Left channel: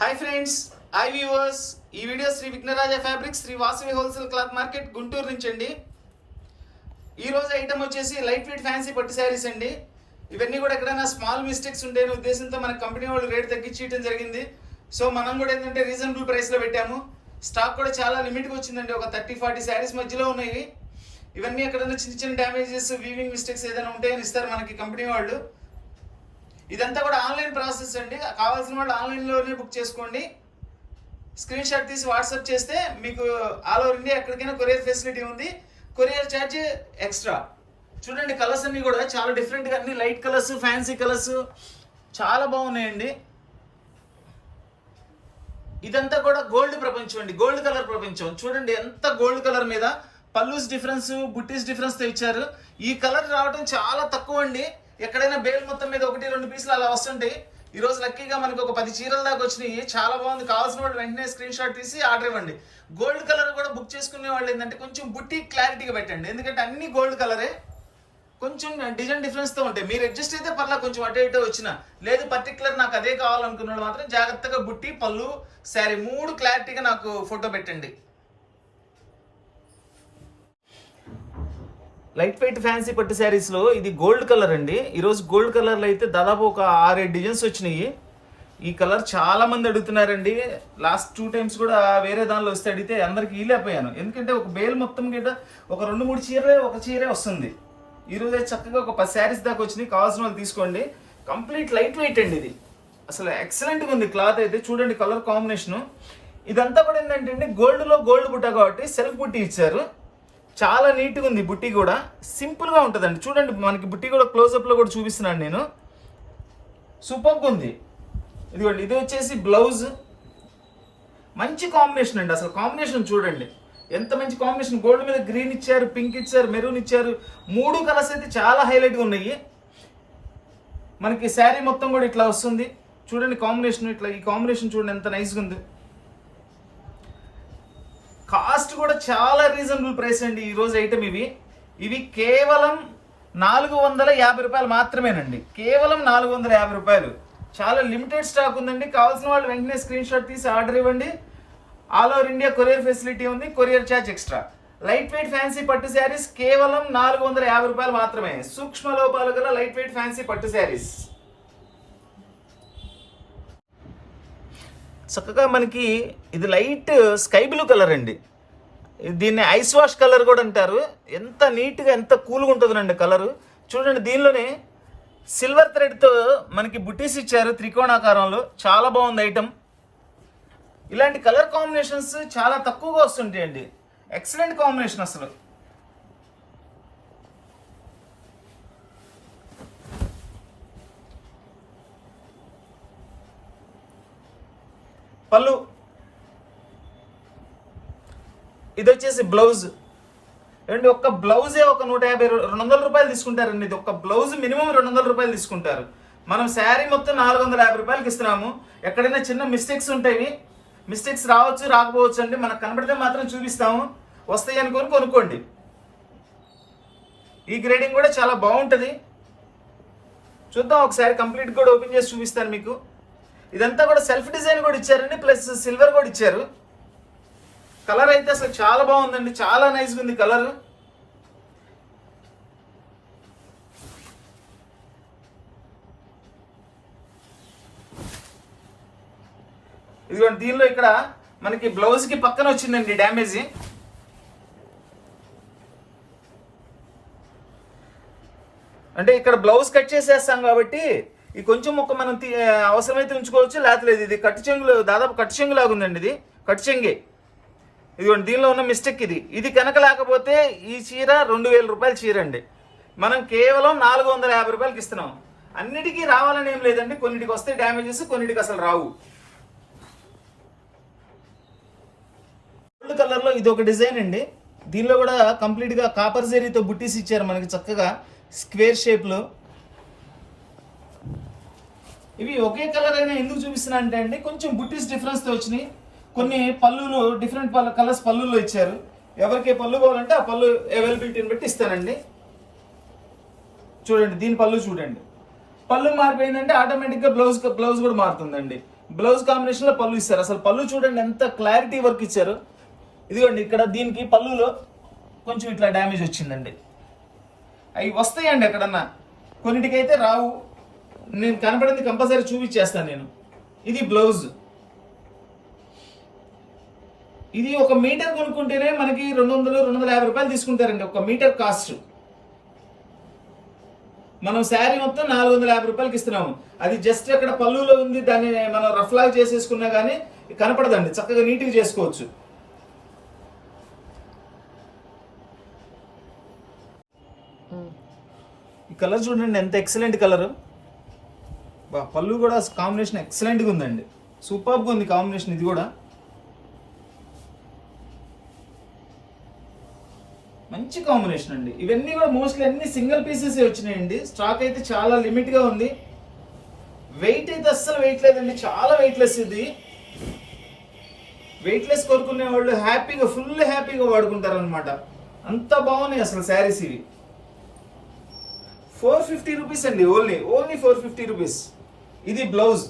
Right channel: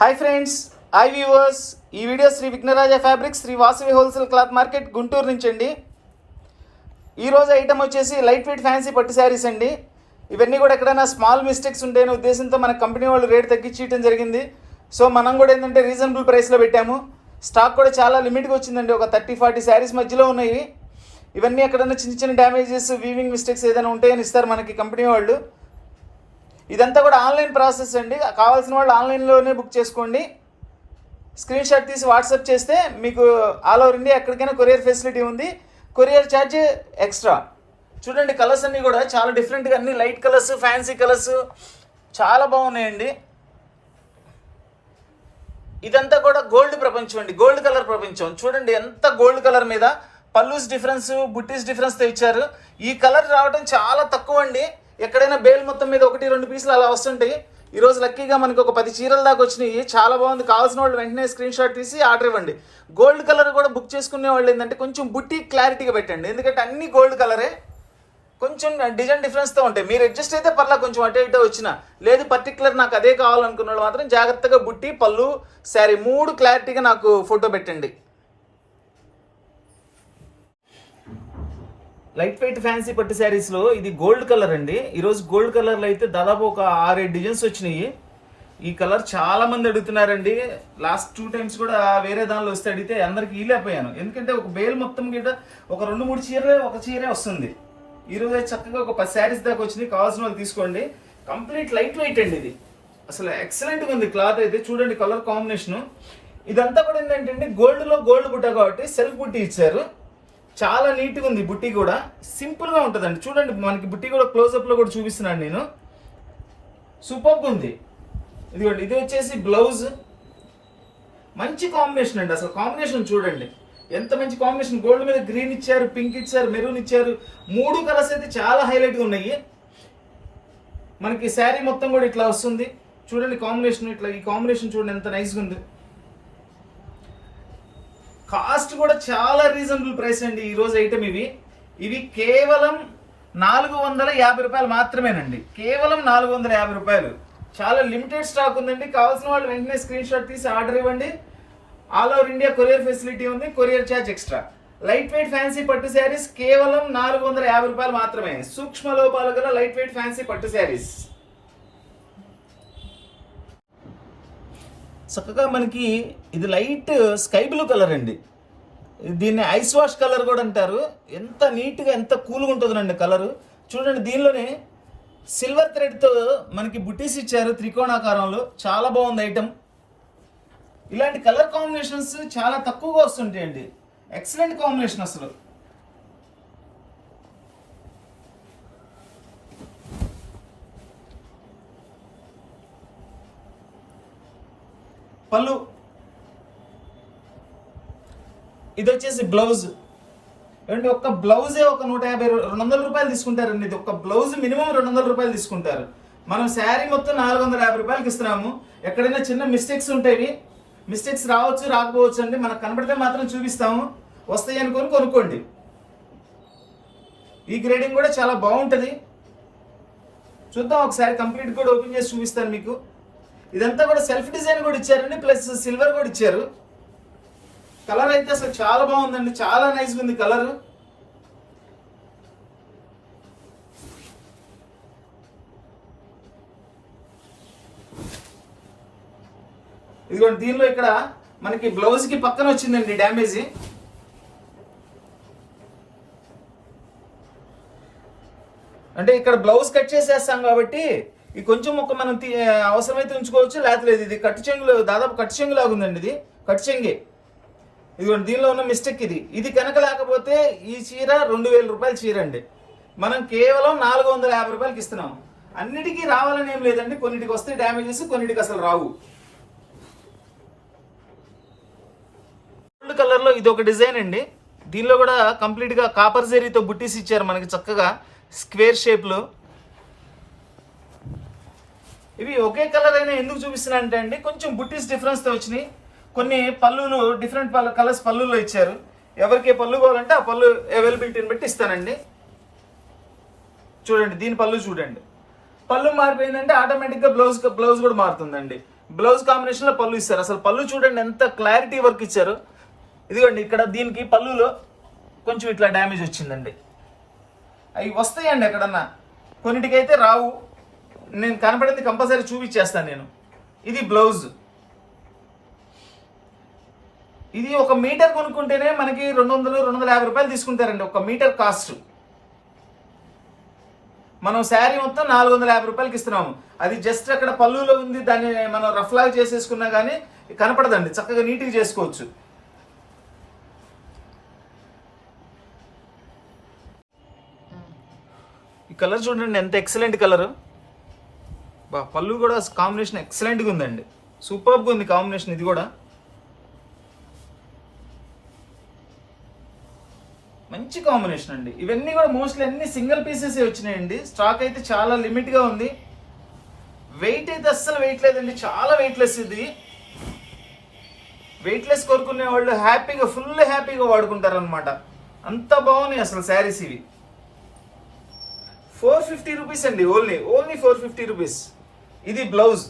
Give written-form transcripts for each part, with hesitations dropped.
Hi friends, hi viewers. ఈ video Shri Vighnaraja fabrics, Shri Vasavi wholesale cloth market, Guntur నుంచి అండి. ఈరోజు ఐటమ్ వచ్చేసి లైట్ వెయిట్ ఫ్యాన్సీ పట్టు శారీస్ అండి. ఇవన్నీ కూడా ఎక్కడైనా స్మాల్ మిస్టేక్స్ ఉంటాయనే ఉద్దేశంతో మన కంపెనీ వాళ్ళు రేట్ తగ్గించడం జరిగింది. సో మనం కూడా ఏంటంటే రీజనబుల్ ప్రైస్లో పెట్టాము. స్టాక్ కూడా చాలా లిమిట్గా వచ్చిందండి. ఒక 30-40 శారీస్ మధ్యలో ఉన్నాయి. ఇవన్నీ ఎక్కడైనా చిన్న చిన్న డ్యామేజెస్, వీవింగ్ మిస్టేక్స్ ఏదైనా ఉంటాయని ఇస్తారు మనకి కంపెనీ వాళ్ళు. ఇదంతా కూడా ఆన్లైన్ ప్రాసెస్ అండి. కావాల్సిన వాళ్ళు ఆన్లైన్లోనే బుక్ చేసుకోండి. స్క్రీన్ షాట్ తీసి వాట్సాప్ చేస్తే మీకు ఆల్ ఓవర్ ఇండియా ఎక్కడికైనా కొరియర్ ఫెసిలిటీ ఉంది. Courier charge extra. చూడండి, కలర్స్ అన్నీ కూడా చాలా డిఫరెంట్గా, అన్ని లైట్ కలర్స్, ఫ్యాన్సీ కలర్స్ చాలా బాగున్నాయండి. ఇదంతా కూడా గోల్డ్ ప్రపంచం అండి, గోల్డ్ కలర్ ప్రపంచం. చూడండి ఎంత గోల్డ్ కలర్ మీద పల్లూస్ డిఫరెన్స్, బుట్టీస్ డిఫరెన్స్తో ఇచ్చారు. ఈ కలర్ రావడం చాలా తక్కువ అండి. ఎక్కడైనా బేల్ మొత్తం మీద 1-2 పీసులు అలా వస్తుంటాయి. ఈరోజు లక్కీగా మనకి ఒక 10 చీరల దాకా వచ్చినాయి. చాలా బాగుంది. కావాల్సిన వాళ్ళు వెంటనే స్క్రీన్ షాట్ తీసి ఆర్డర్ ఇవ్వండి. గోల్డ్ కలర్ కూడా బుక్ చేసుకునే వాళ్ళు ఏంటంటే కొంచెం బుట్టి క్లారిటీగా పెట్టండి. ఎందుకంటే అన్ని గోల్డ్ కలరే, కొంచెం డిజైన్ డిఫరెన్స్తో ఉంటాయి. మీరు అడ్జస్ట్ అయితే పర్లా, కొంచెం అటు ఇటు వచ్చినా. లేదు పర్టికులర్ నాకు అదే కావాలనుకున్న వాళ్ళు మాత్రం జాగ్రత్తగా బుట్టి, పళ్ళు, శారీ 3 క్లారిటీగా నాకు ఫోటో పెట్టండి. లైట్ వెయిట్ ఫ్యాన్సీ పట్టు శారీస్లో ఇది గోల్డ్ కలర్ అండి. ఈరోజు గోల్డ్ కలర్లో అయితే దాదాపు ఒక 6-7 డిజైన్స్ వచ్చినాయి. ఈ కలర్ చాలా మంది అడుగుతున్నారండి. లాస్ట్ 2 టైమ్స్ కూడా వేరే దానిలో వస్తే అడిగితే అందరికి ఈలేకపోయాను. ఎందుకంటే ఒక బేల్ మొత్తం కింద ఒక 2-3 చీరలే, ఒక చీరే వస్తుంది. ఈరోజు అయితే చక్కగా ఒక 10 శారీస్ దాకా వచ్చినాయి. కావాల్సిన వాళ్ళు తీసుకోండి. కంప్లీట్ లైట్ వెయిట్ అండి. ఇది అసలు ఎక్సలెంట్గా ఉంది. క్లాత్ అయితే చూడండి, కలర్ కాంబినేషను. ఇదంతా కూడా ఏంటంటే గోల్డ్లో గోల్డ్ బుట్ట కాబట్టి సెల్ఫ్ బుట్టి ఇచ్చారు. చాలా నీట్గా ఉంది. బుట్టి కూడా సింపుల్గా ఉంటుందండి. చూడండి, మనకి బుట్టి కూడా క్లోజప్లో కూడా చూపిస్తున్నాను నేను. సూపర్గా ఉంది. ఇదిగోండి, ఇది వచ్చేసి బ్లౌజ్. మంచి కాంబినేషన్ అండి. అసలు కాంబినేషన్ చూడండి ఎంత మంచి కాంబినేషన్. గోల్డ్ మీద గ్రీన్ ఇచ్చారు, పింక్ ఇచ్చారు, మెరూన్ ఇచ్చారు. 3 కలర్స్ అయితే చాలా హైలైట్గా ఉన్నాయి. మనకి శారీ మొత్తం కూడా ఇట్లా వస్తుంది. చూడండి కాంబినేషన్, ఇట్లా ఈ కాంబినేషన్ చూడండి ఎంత నైస్గా ఉంది. కాస్ట్ కూడా చాలా రీజనబుల్ ప్రైస్ అండి. ఈరోజు ఐటమ్ ఇవి కేవలం 450 రూపాయలు మాత్రమేనండి. కేవలం 450 రూపాయలు. చాలా లిమిటెడ్ స్టాక్ ఉందండి. కావాల్సిన వాళ్ళు వెంటనే స్క్రీన్ షాట్ తీసి ఆర్డర్ ఇవ్వండి. All over India courier facility ఉంది. Courier charge extra. Light weight fancy పట్టు శారీస్ కేవలం 450 రూపాయలు మాత్రమే. సూక్ష్మ లోపాలు గల లైట్ వెయిట్ ఫ్యాన్సీ పట్టు శారీస్. చక్కగా మనకి ఇది లైట్ స్కై బ్లూ కలర్ అండి. దీన్ని ఐస్ వాష్ కలర్ కూడా అంటారు. ఎంత నీట్గా, ఎంత కూల్గా ఉంటుందండి కలరు. చూడండి, దీనిలోనే సిల్వర్ థ్రెడ్తో మనకి బుటీస్ ఇచ్చారు త్రికోణాకారంలో. చాలా బాగుంది ఐటమ్. ఇలాంటి కలర్ కాంబినేషన్స్ చాలా తక్కువగా వస్తుంటాయండి. ఎక్సలెంట్ కాంబినేషన్ అసలు. పళ్ళు, ఇది వచ్చేసి బ్లౌజ్. అండి ఒక్క బ్లౌజే ఒక 150-200 రూపాయలు తీసుకుంటారండి. ఇది ఒక బ్లౌజ్ మినిమం 200 రూపాయలు తీసుకుంటారు. మనం శారీ మొత్తం 450 రూపాయలకి ఇస్తున్నాము. ఎక్కడైనా చిన్న మిస్టేక్స్ ఉంటాయి. మిస్టేక్స్ రావచ్చు, రాకపోవచ్చు అండి. మనకు కనబడితే మాత్రం చూపిస్తాము. వస్తాయి అనుకొని కొనుక్కోండి. ఈ గ్రేడింగ్ కూడా చాలా బాగుంటుంది. చూద్దాం ఒకసారి కంప్లీట్ కూడా ఓపెన్ చేసి చూపిస్తాను మీకు. ఇదంతా కూడా సెల్ఫ్ డిజైన్ కూడా ఇచ్చారండి, ప్లస్ సిల్వర్ కూడా ఇచ్చారు. కలర్ అయితే అసలు చాలా బాగుందండి. చాలా నైస్గా ఉంది కలర్. ఇదిగోండి, దీనిలో ఇక్కడ మనకి బ్లౌజ్ కి పక్కన వచ్చిందండి డ్యామేజ్. అంటే ఇక్కడ బ్లౌజ్ కట్ చేసేస్తాం కాబట్టి ఈ కొంచెం ఒక మనం అవసరమైతే ఉంచుకోవచ్చు, లేకపోతే ఇది కట్టు చెంగులు, దాదాపు కట్టు చెంగు లాగా ఉందండి. ఇది కట్టు చెంగే. ఇదిగోండి, దీనిలో ఉన్న మిస్టేక్ ఇది కనుక లేకపోతే ఈ చీర 2000 రూపాయల చీర అండి. మనం కేవలం 450 రూపాయలకి ఇస్తున్నాం. అన్నిటికీ రావాలని ఏం లేదండి. కొన్నిటికి వస్తే డ్యామేజెస్, కొన్నిటికి అసలు రావు. గోల్డ్ కలర్లో ఇది ఒక డిజైన్ అండి. దీనిలో కూడా కంప్లీట్గా కాపర్ జరీతో బుట్టీస్ ఇచ్చారు మనకి చక్కగా స్క్వేర్ షేప్లో. ఇవి ఒకే కలర్ అయినా ఎందుకు చూపిస్తున్నా అంటే అండి, కొంచెం బుట్టీస్ డిఫరెన్స్తో వచ్చినాయి. కొన్ని పళ్ళులు డిఫరెంట్ కలర్స్ పళ్ళుల్లో ఇచ్చారు. ఎవరికి పళ్ళు కావాలంటే ఆ పళ్ళు అవైలబిలిటీని బట్టి ఇస్తానండి. చూడండి, దీని పళ్ళు చూడండి. పళ్ళు మారిపోయిందంటే ఆటోమేటిక్గా బ్లౌజ్ కూడా మారుతుందండి. బ్లౌజ్ కాంబినేషన్ లో పళ్ళు ఇస్తారు. అసలు పళ్ళు చూడండి ఎంత క్లారిటీ వర్క్ ఇచ్చారు. ఇదిగోండి ఇక్కడ దీనికి పళ్ళులో కొంచెం ఇట్లా డ్యామేజ్ వచ్చిందండి. అవి వస్తాయండి ఎక్కడన్నా, కొన్నిటికైతే రావు. నేను కనపడింది కంపల్సరీ చూపించేస్తాను నేను. ఇది బ్లౌజ్. ఇది 1 మీటర్ కొనుక్కుంటేనే మనకి 200-250 రూపాయలు తీసుకుంటారండి 1 మీటర్ కాస్ట్. మనం శారీ మొత్తం 450 రూపాయలకి ఇస్తున్నాము. అది జస్ట్ అక్కడ పళ్ళులో ఉంది, దాన్ని మనం రఫ్ లాగా చేసేసుకున్నా కానీ కనపడదండి, చక్కగా నీట్గా చేసుకోవచ్చు. ఈ కలర్ చూడండి ఎంత ఎక్సలెంట్ కలర్. పళ్ళు కూడా కాంబినేషన్ ఎక్సలెంట్గా ఉందండి, సూపర్గా ఉంది కాంబినేషన్. ఇది కూడా మంచి కాంబినేషన్ అండి. ఇవన్నీ కూడా మోస్ట్లీ అన్ని సింగిల్ పీసెస్ వచ్చినాయండి. స్టాక్ అయితే చాలా లిమిట్ గా ఉంది. వెయిట్ అయితే అస్సలు వెయిట్ లేదండి, చాలా వెయిట్ లెస్. ఇది వెయిట్ లెస్ కోరుకునే వాళ్ళు హ్యాపీగా, ఫుల్ హ్యాపీగా వాడుకుంటారు అనమాట. అంత బాగున్నాయి అసలు శారీస్ ఇవి. 450 రూపీస్ అండి, ఓన్లీ 450 రూపీస్. ఇది బ్లౌజ్.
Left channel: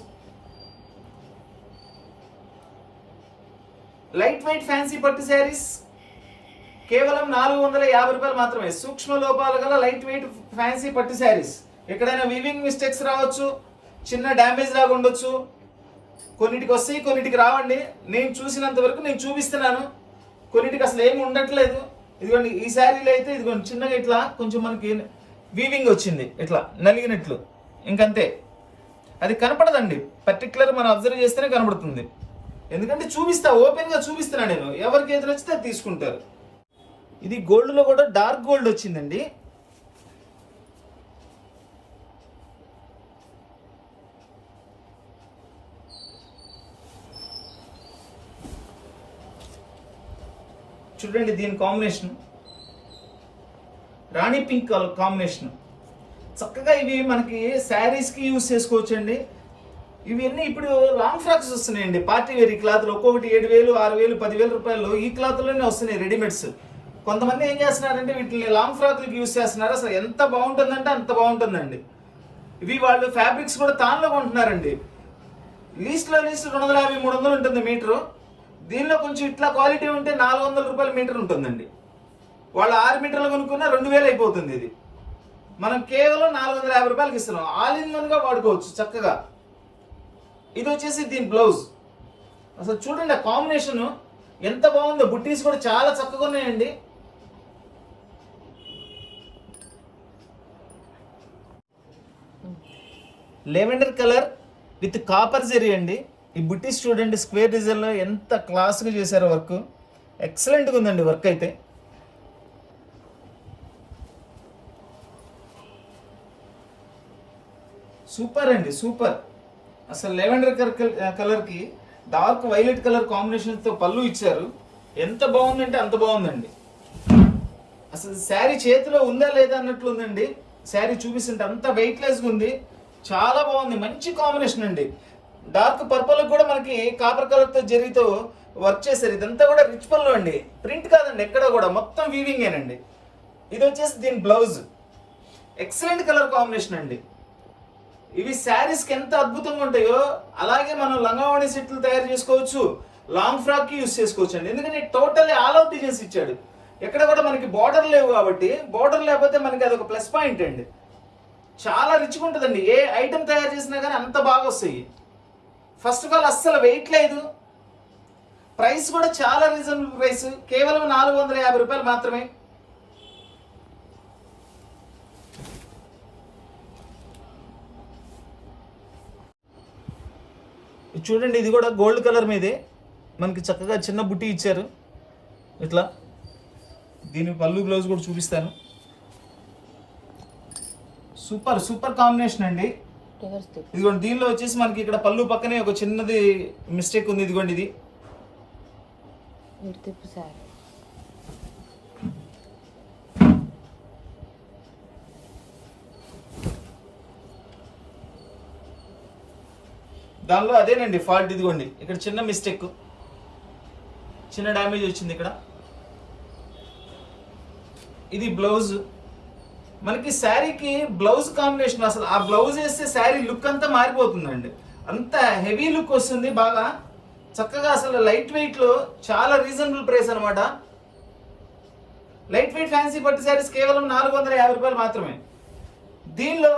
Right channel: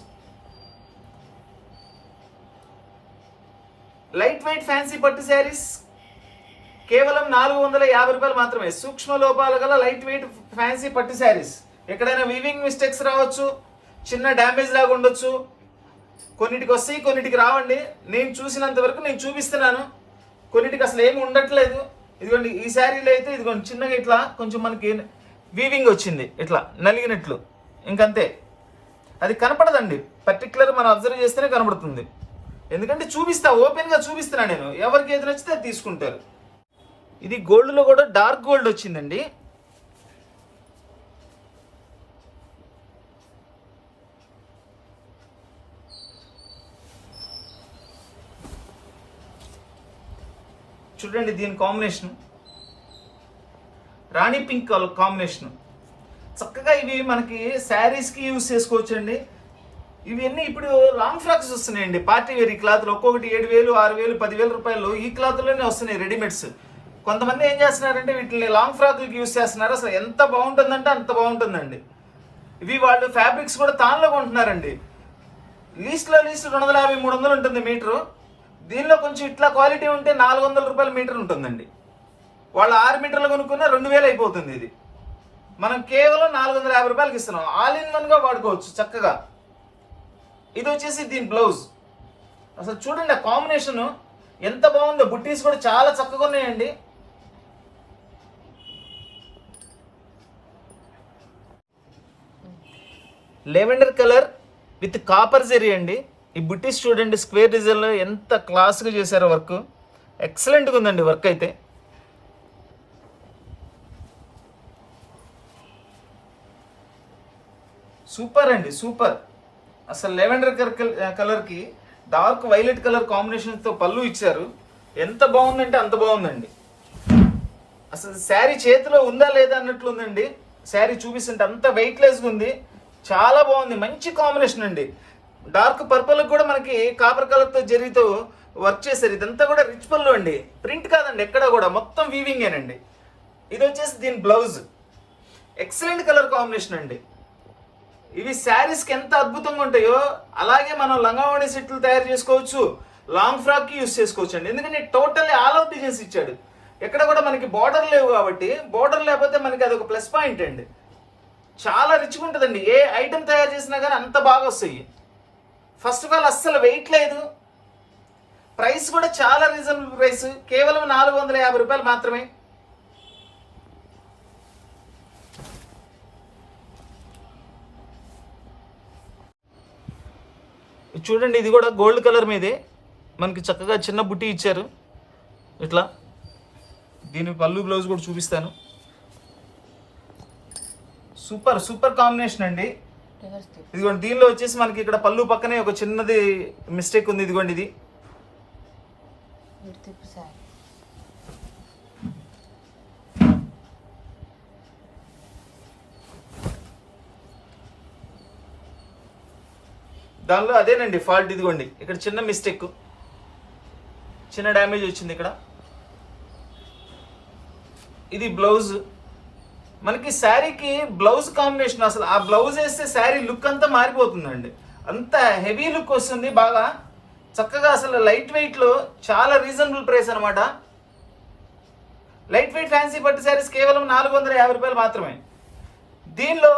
లైట్ వెయిట్ ఫ్యాన్సీ పట్టు శారీస్ కేవలం 450 రూపాయలు మాత్రమే. సూక్ష్మ లోపాలు గల లైట్ వెయిట్ ఫ్యాన్సీ పట్టు శారీస్. ఎక్కడైనా వీవింగ్ మిస్టేక్స్ రావచ్చు, చిన్న డ్యామేజ్ లాగా ఉండొచ్చు. కొన్నిటికి వస్తాయి, కొన్నిటికి రావండి. నేను చూసినంత వరకు నేను చూపిస్తున్నాను. కొన్నిటికి అసలు ఏమి ఉండట్లేదు. ఇదిగోండి ఈ శారీలో అయితే ఇదిగోండి చిన్నగా ఇట్లా కొంచెం మనకి వీవింగ్ వచ్చింది, ఇట్లా నలిగినట్లు, ఇంకంతే. అది కనపడదండి, పర్టికులర్ మనం అబ్జర్వ్ చేస్తేనే కనపడుతుంది. ఎందుకంటే చూపిస్తా, ఓపెన్ గా చూపిస్తున్నా నేను. ఎవరికి ఏది నచ్చితే అది తీసుకుంటారు. ఇది గోల్డ్ లో కూడా డార్క్ గోల్డ్ వచ్చిందండి. చూడండి దీని కాంబినేషన్ రాణి పింక్ కాంబినేషన్. చక్కగా ఇవి మనకి శారీస్ కి యూజ్ చేసుకోవచ్చు అండి. ఇవన్నీ ఇప్పుడు లాంగ్ ఫ్రాక్స్ వస్తున్నాయండి, పార్టీ వేర్ క్లాత్లు. ఒక్కొక్కటి 7,000, 6,000, 10,000 రూపాయలు ఈ క్లాత్లోనే వస్తున్నాయి రెడీమేడ్స్. కొంతమంది ఏం చేస్తున్నారంటే వీటిని లాంగ్ ఫ్రాక్లకి యూజ్ చేస్తున్నారు. అసలు ఎంత బాగుంటుందంటే అంత బాగుంటుందండి. ఇవి వాళ్ళు ఫ్యాబ్రిక్స్ కూడా తాన్లో కొంటున్నారండి. లీస్ట్ 250-300 ఉంటుంది మీటరు. దీనిలో కొంచెం ఇట్లా క్వాలిటీ ఉంటే 400 రూపాయల మీటర్ ఉంటుందండి. వాళ్ళు 6 మీటర్లు కొనుక్కున్న 2,000 అయిపోతుంది. ఇది మనం కేవలం 450 రూపాయలకి ఇస్తున్నాం. ఆల్ ఇన్ వన్ గా వాడుకోవచ్చు చక్కగా. ఇది వచ్చేసి దీని బ్లౌజ్. అసలు చూడండి ఆ కాంబినేషన్ ఎంత బాగుందో. బుట్టీస్ కూడా చాలా చక్కగా ఉన్నాయండి. Lavender colour with copper zari అండి. ఈ బుట్టీస్ చూడండి స్క్వేర్ డిజైన్ లో ఎంత క్లాస్గా చేశారో వర్క్. ఎక్సలెంట్గా ఉందండి వర్క్ అయితే. సూపర్ అండి, సూపర్. అసలు లెవెండర్ కలర్కి డార్క్ వైలెట్ కలర్ కాంబినేషన్తో పళ్ళు ఇచ్చారు. ఎంత బాగుందంటే అంత బాగుందండి. అసలు శారీ చేతిలో ఉందా లేదా అన్నట్లు ఉందండి. శారీ చూపిస్తుంటే అంత వెయిట్లెస్గా ఉంది, చాలా బాగుంది. మంచి కాంబినేషన్ అండి. డార్క్ పర్పుల్ కూడా మనకి కాపర్ కలర్తో జరీతో వర్క్ చేశారు. ఇదంతా కూడా రిచ్ పళ్ళు అండి, ప్రింట్ కాదండి ఎక్కడ కూడా, మొత్తం వీవింగేనండి. ఇది వచ్చేసి దీని బ్లౌజ్. ఎక్సలెంట్ కలర్ కాంబినేషన్ అండి. ఇవి శారీస్కి ఎంత అద్భుతంగా ఉంటాయో అలాగే మనం లంగావణి సెట్లు తయారు చేసుకోవచ్చు, లాంగ్ ఫ్రాక్ కి యూస్ చేసుకోవచ్చు అండి. ఎందుకంటే టోటల్లీ ఆల్ అవుట్ డిజైన్స్ ఇచ్చాడు. ఎక్కడ కూడా మనకి బార్డర్ లేవు కాబట్టి, బార్డర్ లేకపోతే మనకి అది ఒక ప్లస్ పాయింట్ అండి. చాలా రిచ్గా ఉంటుందండి. ఏ ఐటెం తయారు చేసినా కానీ అంత బాగా వస్తాయి. ఫస్ట్ ఆఫ్ ఆల్ అస్సలు వెయిట్ లేదు. ప్రైస్ కూడా చాలా రీజనబుల్ ప్రైస్, కేవలం 450 రూపాయలు మాత్రమే. చూడండి ఇది కూడా గోల్డ్ కలర్ మీదే మనకి చక్కగా చిన్న బుట్టి ఇచ్చారు ఇట్లా. దీని పళ్ళు బ్లౌజ్ కూడా చూపిస్తాను. సూపర్ సూపర్ కాంబినేషన్ అండి. ఇదిగోండి దీనిలో వచ్చేసి మనకి ఇక్కడ పళ్ళు పక్కనే ఒక చిన్నది మిస్టేక్ ఉంది. ఇదిగోండి ఇది దానిలో అదేనండి ఫాల్ట్. ఇదిగోండి ఇక్కడ చిన్న మిస్టేక్, చిన్న డ్యామేజ్ వచ్చింది ఇక్కడ. ఇది బ్లౌజ్. మనకి శారీకి బ్లౌజ్ కాంబినేషన్, అసలు ఆ బ్లౌజ్ వేస్తే శారీ లుక్ అంతా మారిపోతుందండి. అంత హెవీ లుక్ వస్తుంది బాగా చక్కగా. అసలు లైట్ వెయిట్ లో చాలా రీజనబుల్ ప్రైస్ అనమాట. లైట్ వెయిట్ ఫ్యాన్సీ పట్టు శారీస్ కేవలం 450 రూపాయలు మాత్రమే. దీనిలో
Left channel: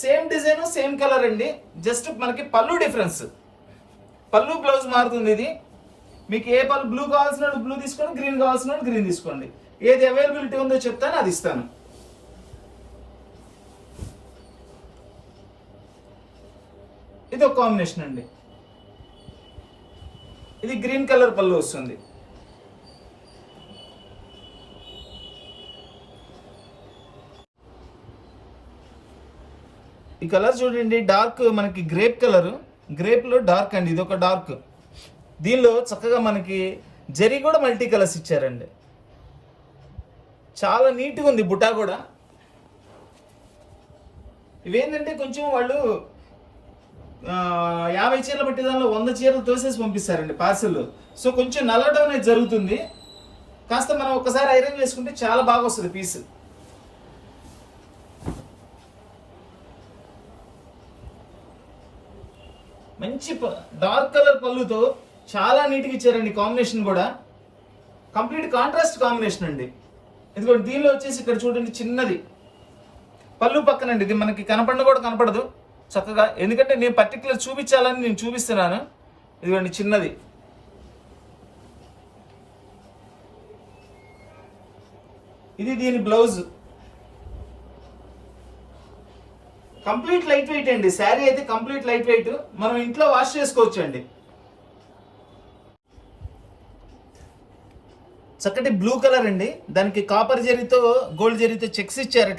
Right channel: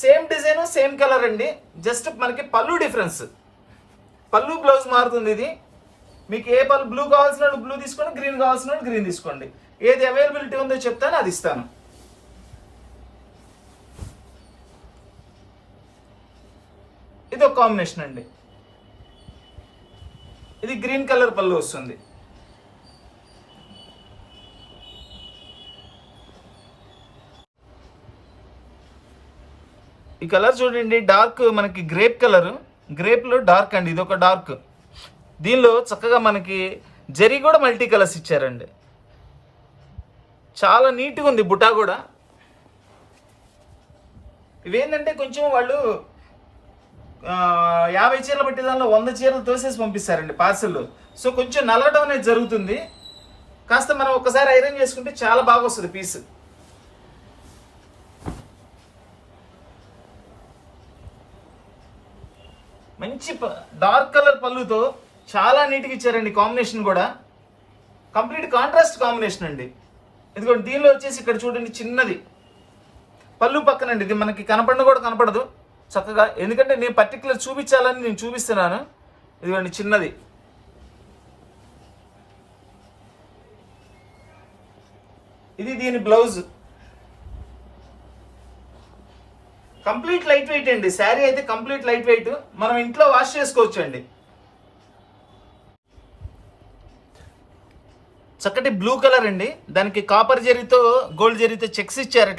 సేమ్ డిజైన్ సేమ్ కలర్ అండి, జస్ట్ మనకి పళ్ళు డిఫరెన్స్, పళ్ళు బ్లౌజ్ మారుతుంది. ఇది మీకు ఏ పళ్ళు బ్లూ కావాల్సిన బ్లూ తీసుకోండి, గ్రీన్ కావాల్సిన గ్రీన్ తీసుకోండి. ఏది అవైలబిలిటీ ఉందో చెప్తాను, అది ఇస్తాను. ఇది ఒక కాంబినేషన్ అండి, ఇది గ్రీన్ కలర్ పళ్ళు వస్తుంది. ఈ కలర్ చూడండి, డార్క్ మనకి గ్రేప్ కలర్, గ్రేప్ లో డార్క్ అండి, ఇది ఒక డార్క్. దీనిలో చక్కగా మనకి జరీ కూడా మల్టీ కలర్స్ ఇచ్చారండి, చాలా నీట్గా ఉంది. బుటా కూడా ఇవేంటంటే కొంచెం వాళ్ళు 50 చీరలు బట్టి దానిలో 100 చీరలు తోసేసి పంపిస్తారండి పార్సల్. సో కొంచెం నలగడం అనేది జరుగుతుంది. కాస్త మనం ఒకసారి ఐరన్ చేసుకుంటే చాలా బాగా వస్తుంది పీస్. మంచి డార్క్ కలర్ పళ్ళుతో చాలా నీట్గా ఇచ్చారండి. కాంబినేషన్ కూడా కంప్లీట్ కాంట్రాస్ట్ కాంబినేషన్ అండి. ఇదిగోండి, దీనిలో వచ్చేసి ఇక్కడ చూడండి చిన్నది పళ్ళు పక్కనండి, ఇది మనకి కనపడిన కూడా కనపడదు చక్కగా, ఎందుకంటే నేను పర్టికులర్ చూపించాలని నేను చూపిస్తున్నాను. ఇదిగోండి చిన్నది, ఇది దీని బ్లౌజ్. కంప్లీట్ లైట్ వెయిట్ అండి, శారీ అయితే కంప్లీట్ లైట్ వెయిట్, మనం ఇంట్లో వాష్ చేసుకోవచ్చు అండి. చక్కటి బ్లూ కలర్ అండి, దానికి కాపర్ జరీతో గోల్డ్ జరీతో చెక్స్ ఇచ్చారు.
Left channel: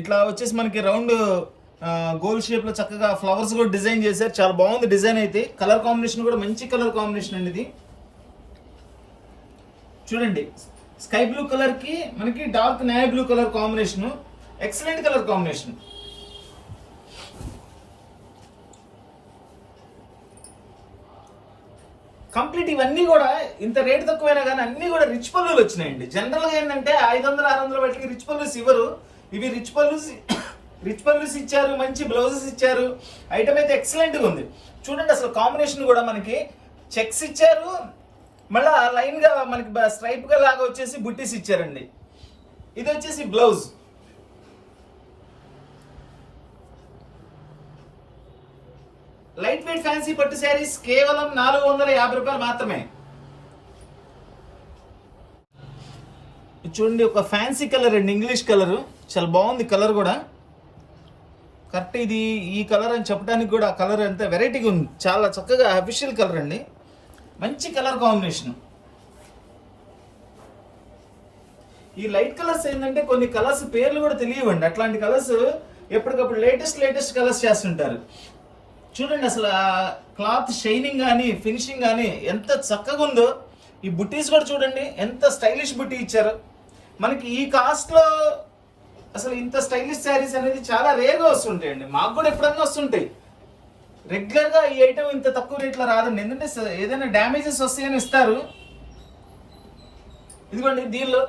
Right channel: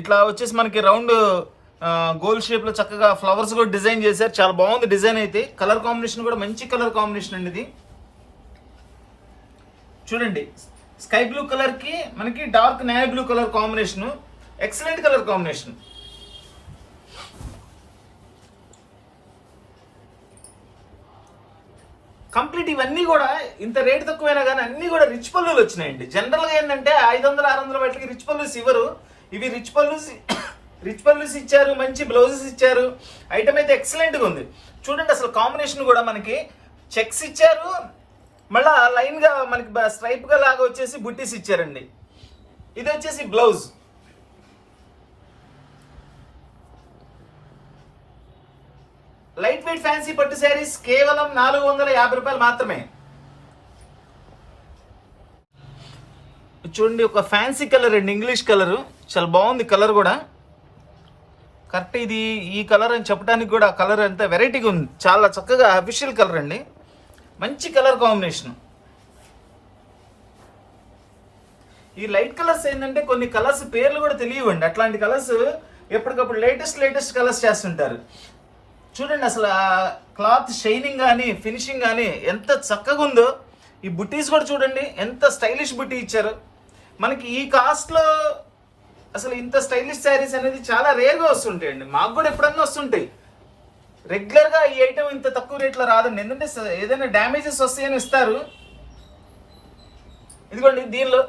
ఇట్లా వచ్చేసి మనకి రౌండ్ గోల్డ్ షేప్ లో చక్కగా ఫ్లవర్స్ కూడా డిజైన్ చేశారు, చాలా బాగుంది డిజైన్ అయితే. కలర్ కాంబినేషన్ కూడా మంచి కలర్ కాంబినేషన్ అండి. ఇది చూడండి, స్కై బ్లూ కలర్ కి మనకి dark navy blue colour combination, excellent colour combination. Complete ఇవన్నీ కూడా ఇంత రేట్ తక్కువైనా కానీ అన్ని కూడా రిచ్ పళ్ళులు వచ్చినాయండి. జనరల్ గా ఏంటంటే 500-600 వాటికి రిచ్ పళ్ళుస్ ఇవ్వరు, ఇవి రిచ్ పళ్ళుస్ ఇచ్చారు, మంచి బ్లౌజెస్ ఇచ్చారు. ఐటమ్ అయితే ఎక్సలెంట్ గా ఉంది. చూడండి అసలు కాంబినేషన్ కూడా మనకి చెక్స్ ఇచ్చారు, మళ్ళా లైన్ గా మనకి స్ట్రైప్ గా లాగా వచ్చేసి బుట్టీస్ ఇచ్చారండి. ఇది వచ్చేసి బ్లౌజ్. లైట్ వెయిట్ ఫ్యాన్సీ పట్టు శారీస్ కేవలం 450 రూపాయలు మాత్రమే. చూడండి, ఒక ఫ్యాన్సీ కలర్ అండి, ఇంగ్లీష్ కలర్, చాలా బాగుంది కలర్ కూడా. కరెక్ట్, ఇది ఈ కలర్ అని చెప్పడానికి కూడా కలర్ ఎంత వెరైటీగా ఉంది, చాలా చక్కగా అఫీషియల్ కలర్ అండి, మంచి కలర్ కాంబినేషన్. ఈ లైట్ కలర్స్ ఏంటంటే కొన్ని కలర్స్ పేర్లు కూడా తెలియవండి, అట్లాంటి కలర్స్ ఎప్పటికప్పుడు లేటెస్ట్ కలర్స్ చేస్తుంటారు. చూడండి అసలు క్లాత్ షైనింగ్ కానీ ఫినిషింగ్ కానీ ఎంత చక్కగా ఉందో. ఈ బుట్టీస్ కూడా చూడండి ఎంత స్టైలిష్ బుట్టీ ఇచ్చారు. మనకి ఈ కాస్ట్లో అసలు ఇంత స్టైలిష్ శారీస్ అనేది చాలా రేర్గా వస్తుంటాయండి, మాకు కూడా ఎప్పుడన్నా వస్తుంటాయి. రెగ్యులర్గా ఈ ఐటమ్ ఇంత తక్కువ రేట్లో రాదండి, ఎందుకంటే ఏదైనా డ్యామేజెస్ వస్తాయని ఇస్తారు. ఇదిగోండి, దీనిలో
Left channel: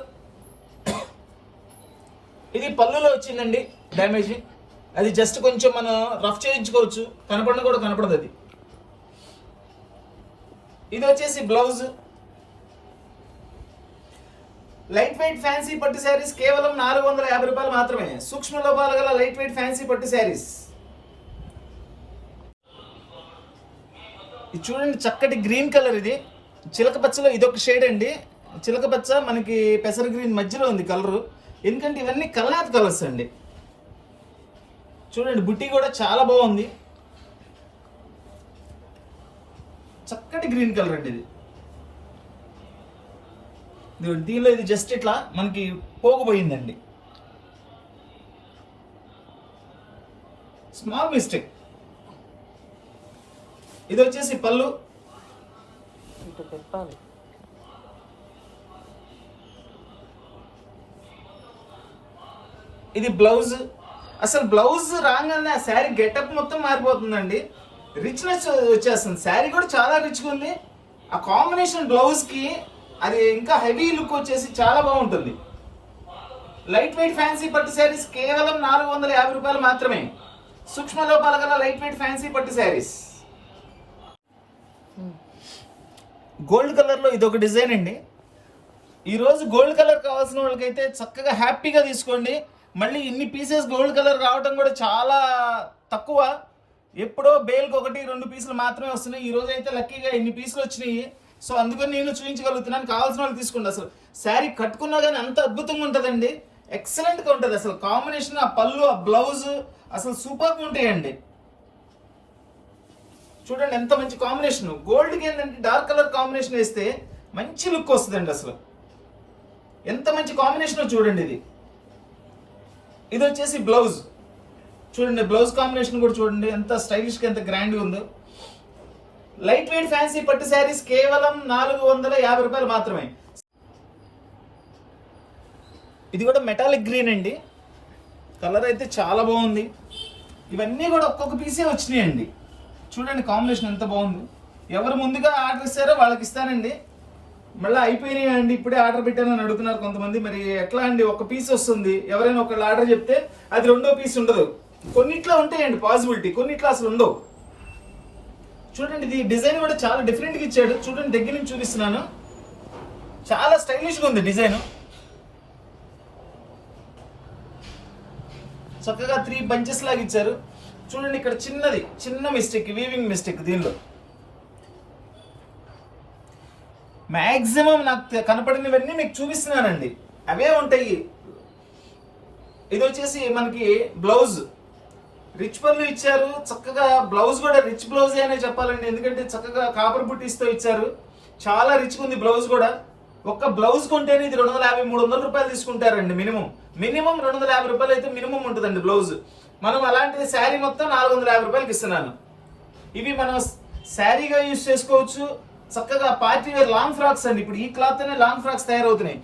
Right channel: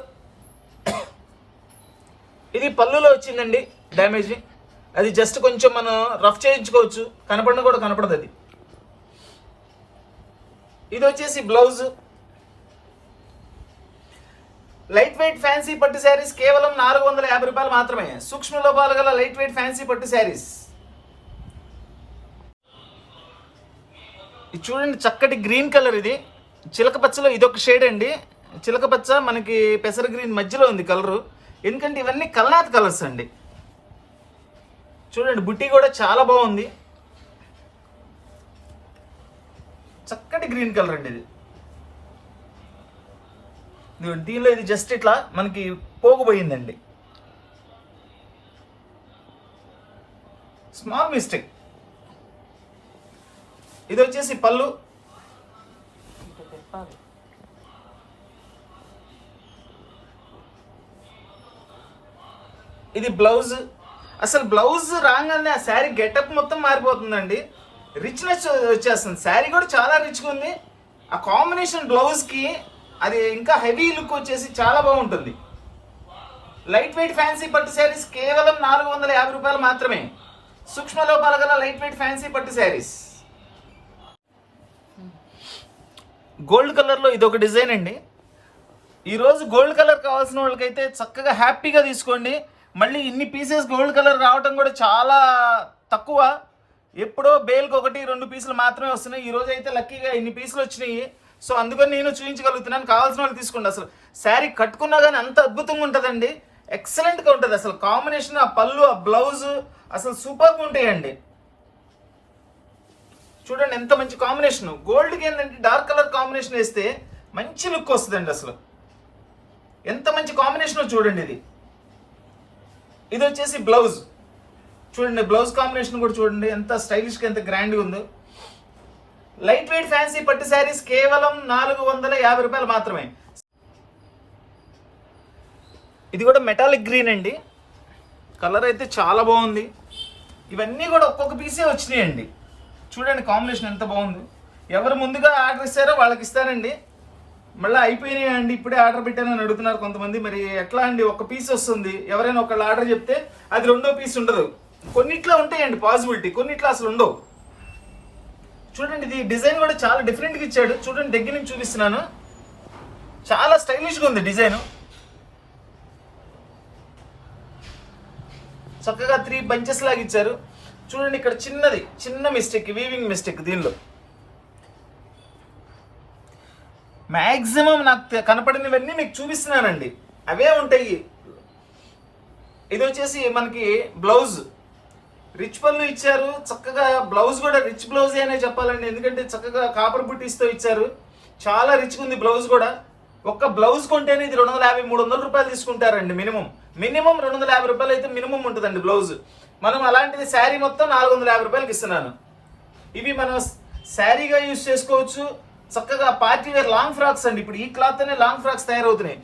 ఇది పళ్ళులో వచ్చిందండి డ్యామేజ్, అది జస్ట్ కొంచెం మనం రఫ్ చేయించుకోవచ్చు, కనపడిన కూడా కనపడదు అది. ఇది వచ్చేసి బ్లౌజ్. లైట్ వెయిట్ ఫ్యాన్సీ పట్టు శారీస్ కేవలం 450 రూపాయలు మాత్రమే. సూక్ష్మ లోపాలు గల లైట్ వెయిట్ ఫ్యాన్సీ పట్టు శారీస్. ఇది చూడండి చక్కటి గ్రీన్ కలర్, ఇది చిలక పచ్చలో ఇదొక షేడ్ అండి. చిలక పచ్చ మనకి పెసర గ్రీన్ మధ్యలో ఉంది కలరు, ఎందుకంటే ఇవన్నీ కల్నాథ్ కలర్స్ అండి. చూడండి బుట్టి కూడా చాలా బాగుంది, చక్కటి గ్రీన్ కలర్ అండి ఇది. దీనిలో ఇది జస్ట్ ఇట్లా మనకి పోగుపోయిందండి, స్మాల్ మిస్టేక్. ఇది వచ్చేసి పళ్ళు, ఇది బ్లౌజ్. అసలు బ్లౌజ్ రాగానే ఆ శారీ గెటప్ మొత్తం మారిపోతుందండి, రిచ్నెస్ వచ్చేస్తుంది. శారీ కూడా చాలా రిచ్గా ఉంది, ఆ కాంబినేషన్ బ్లౌజ్కి అది ఇంకా హెవీ లుక్ వచ్చేసి చాలా బాగుంటుంది. లైట్ వెయిట్ ఫ్యాన్సీ పట్టు శారీస్ కేవలం 450 రూపాయలు మాత్రమే. సూక్ష్మ లోపాల గల లైట్ వెయిట్ ఫ్యాన్సీ పట్టు శారీస్. గోల్డ్ కలర్లో ఇదొక డిజైన్ అండి. ఈరోజు గోల్డ్ కలర్ కావాల్సిన వాళ్ళకైతే చక్కగా హ్యాపీగా తీసుకోండి. మళ్ళీ ఇన్ని పీసెస్ గోల్డ్ కలర్ రావడం కూడా చాలా తక్కువ. ఎప్పుడో బేల్కి 1-2 పీసులు మాత్రమే వస్తున్నాయి. ఈరోజు అయితే లక్కీగా ఇన్ని పీసులు వచ్చినాయి. సో అందుకని నేను చూపించగలుగుతున్నాను. కావాల్సిన వాళ్ళు తీసుకోండి. అసలు శారీ కట్టుకున్నా కానీ అంత అద్భుతంగా ఉంటుందండి. ఎక్సలెంట్గా ఉంటుంది. అసలు కాంబినేషన్, ఆ పళ్ళు, ఆ బ్లౌజ్ అసలు సూపర్గా ఉంటాయండి. చూడండి ఎంత మంచి కాంబినేషన్. గోల్డ్కి ఏంటంటే డార్క్ కలర్ కాంబినేషన్ వేస్తే మంచి లుక్ వస్తుందండి. అసలు ఎంత మంచి కాంబినేషన్ చూడండి. ఇది వచ్చేసి బ్లౌజ్. చూడండి బ్లౌజ్ కాంబినేషన్ కూడా చూడండి ఎంత స్టైలిష్గా, ఎంత గ్రాండ్గా ఉందో. లైట్ వెయిట్ ఫ్యాన్సీ పట్టు శారీస్ కేవలం 450 రూపాయలు మాత్రమే. ఇది కూడా మెటాలిక్ గ్రీన్ అండి. కలర్ అయితే చాలా బాగుంది. ఇవన్నీ కూడా ఒక్కొక్క పీసే వచ్చినాయండి. చూడండి కాంబినేషన్ ఎంత బాగుంది. ఎవరు ముందుగా ఆర్డర్ ఇస్తారో వాళ్ళకి ఇస్తానండి. మళ్ళీ అయిపోయినాయి అండి, ఇప్పుడే ఆర్డర్ పెట్టానని అడుగుతున్నారు కొంతమంది. మరి ఎట్లా అండి, ఒక పీస్ వస్తుంది. ఎవరైనా ఒకళ్ళు ఆర్డర్ చెప్తే అది 2వ పీస్ ఉండదు. కొన్నిట్లో ఉంటాయండి పాసిబిలిటీ, కొన్నిట్లో అసలు ఉండవు. చూడండి ఇది డిజైన్ కూడా చాలా డిఫరెంట్గా ఇచ్చాడు. చూడండి దగ్గర నుంచి చూపిస్తున్నాను. చాలా స్టైలిష్గా ఉంది డిజైన్. చక్కగా 3 బంచెస్ లాగా ఇచ్చారు. చూడండి ఇక్కడ చిన్న మిస్టేక్, వీవింగ్ మిస్టేక్. దీనిలో మ్యాక్సిమం నాకు కనపడినవన్నీ మీకు చూపిస్తున్నానండి, అవే ఉంటాయి. ఇది వచ్చేసి మనకి బ్లౌజ్ రిచ్ పళ్ళు ఇచ్చారు. చక్కగా బ్లౌజ్ కూడా రిచ్ బ్లౌజ్ అనే చెప్పాలండి. ఎందుకంటే చక్కగా కాపర్ బుట్టీస్తో ఇచ్చారు. చాలా రిచ్గా ఉంది బ్లౌజ్ కూడా. ఒక్క బ్లౌజ్ కొంటేనే ఇది 250-300 రూపాయలు తీసుకుంటారండి. మినిమం 250 రూపాయలు అయితే మినిమం ఉంటుందండి బ్లౌజ్. మనం అలాంటిది శారీ మొత్తం 450 రూపాయలకి ఇస్తున్నాను. ఇవి మనం శారీగా యూజ్ చేసుకోవచ్చు. చక్కగా పార్టీ వేర్ లాంగ్ ఫ్రాక్స్ అండి. ఇప్పుడు ఈ క్లాత్ అనే లాంగ్ ఫ్రాక్స్ తయారవుతున్నాయి.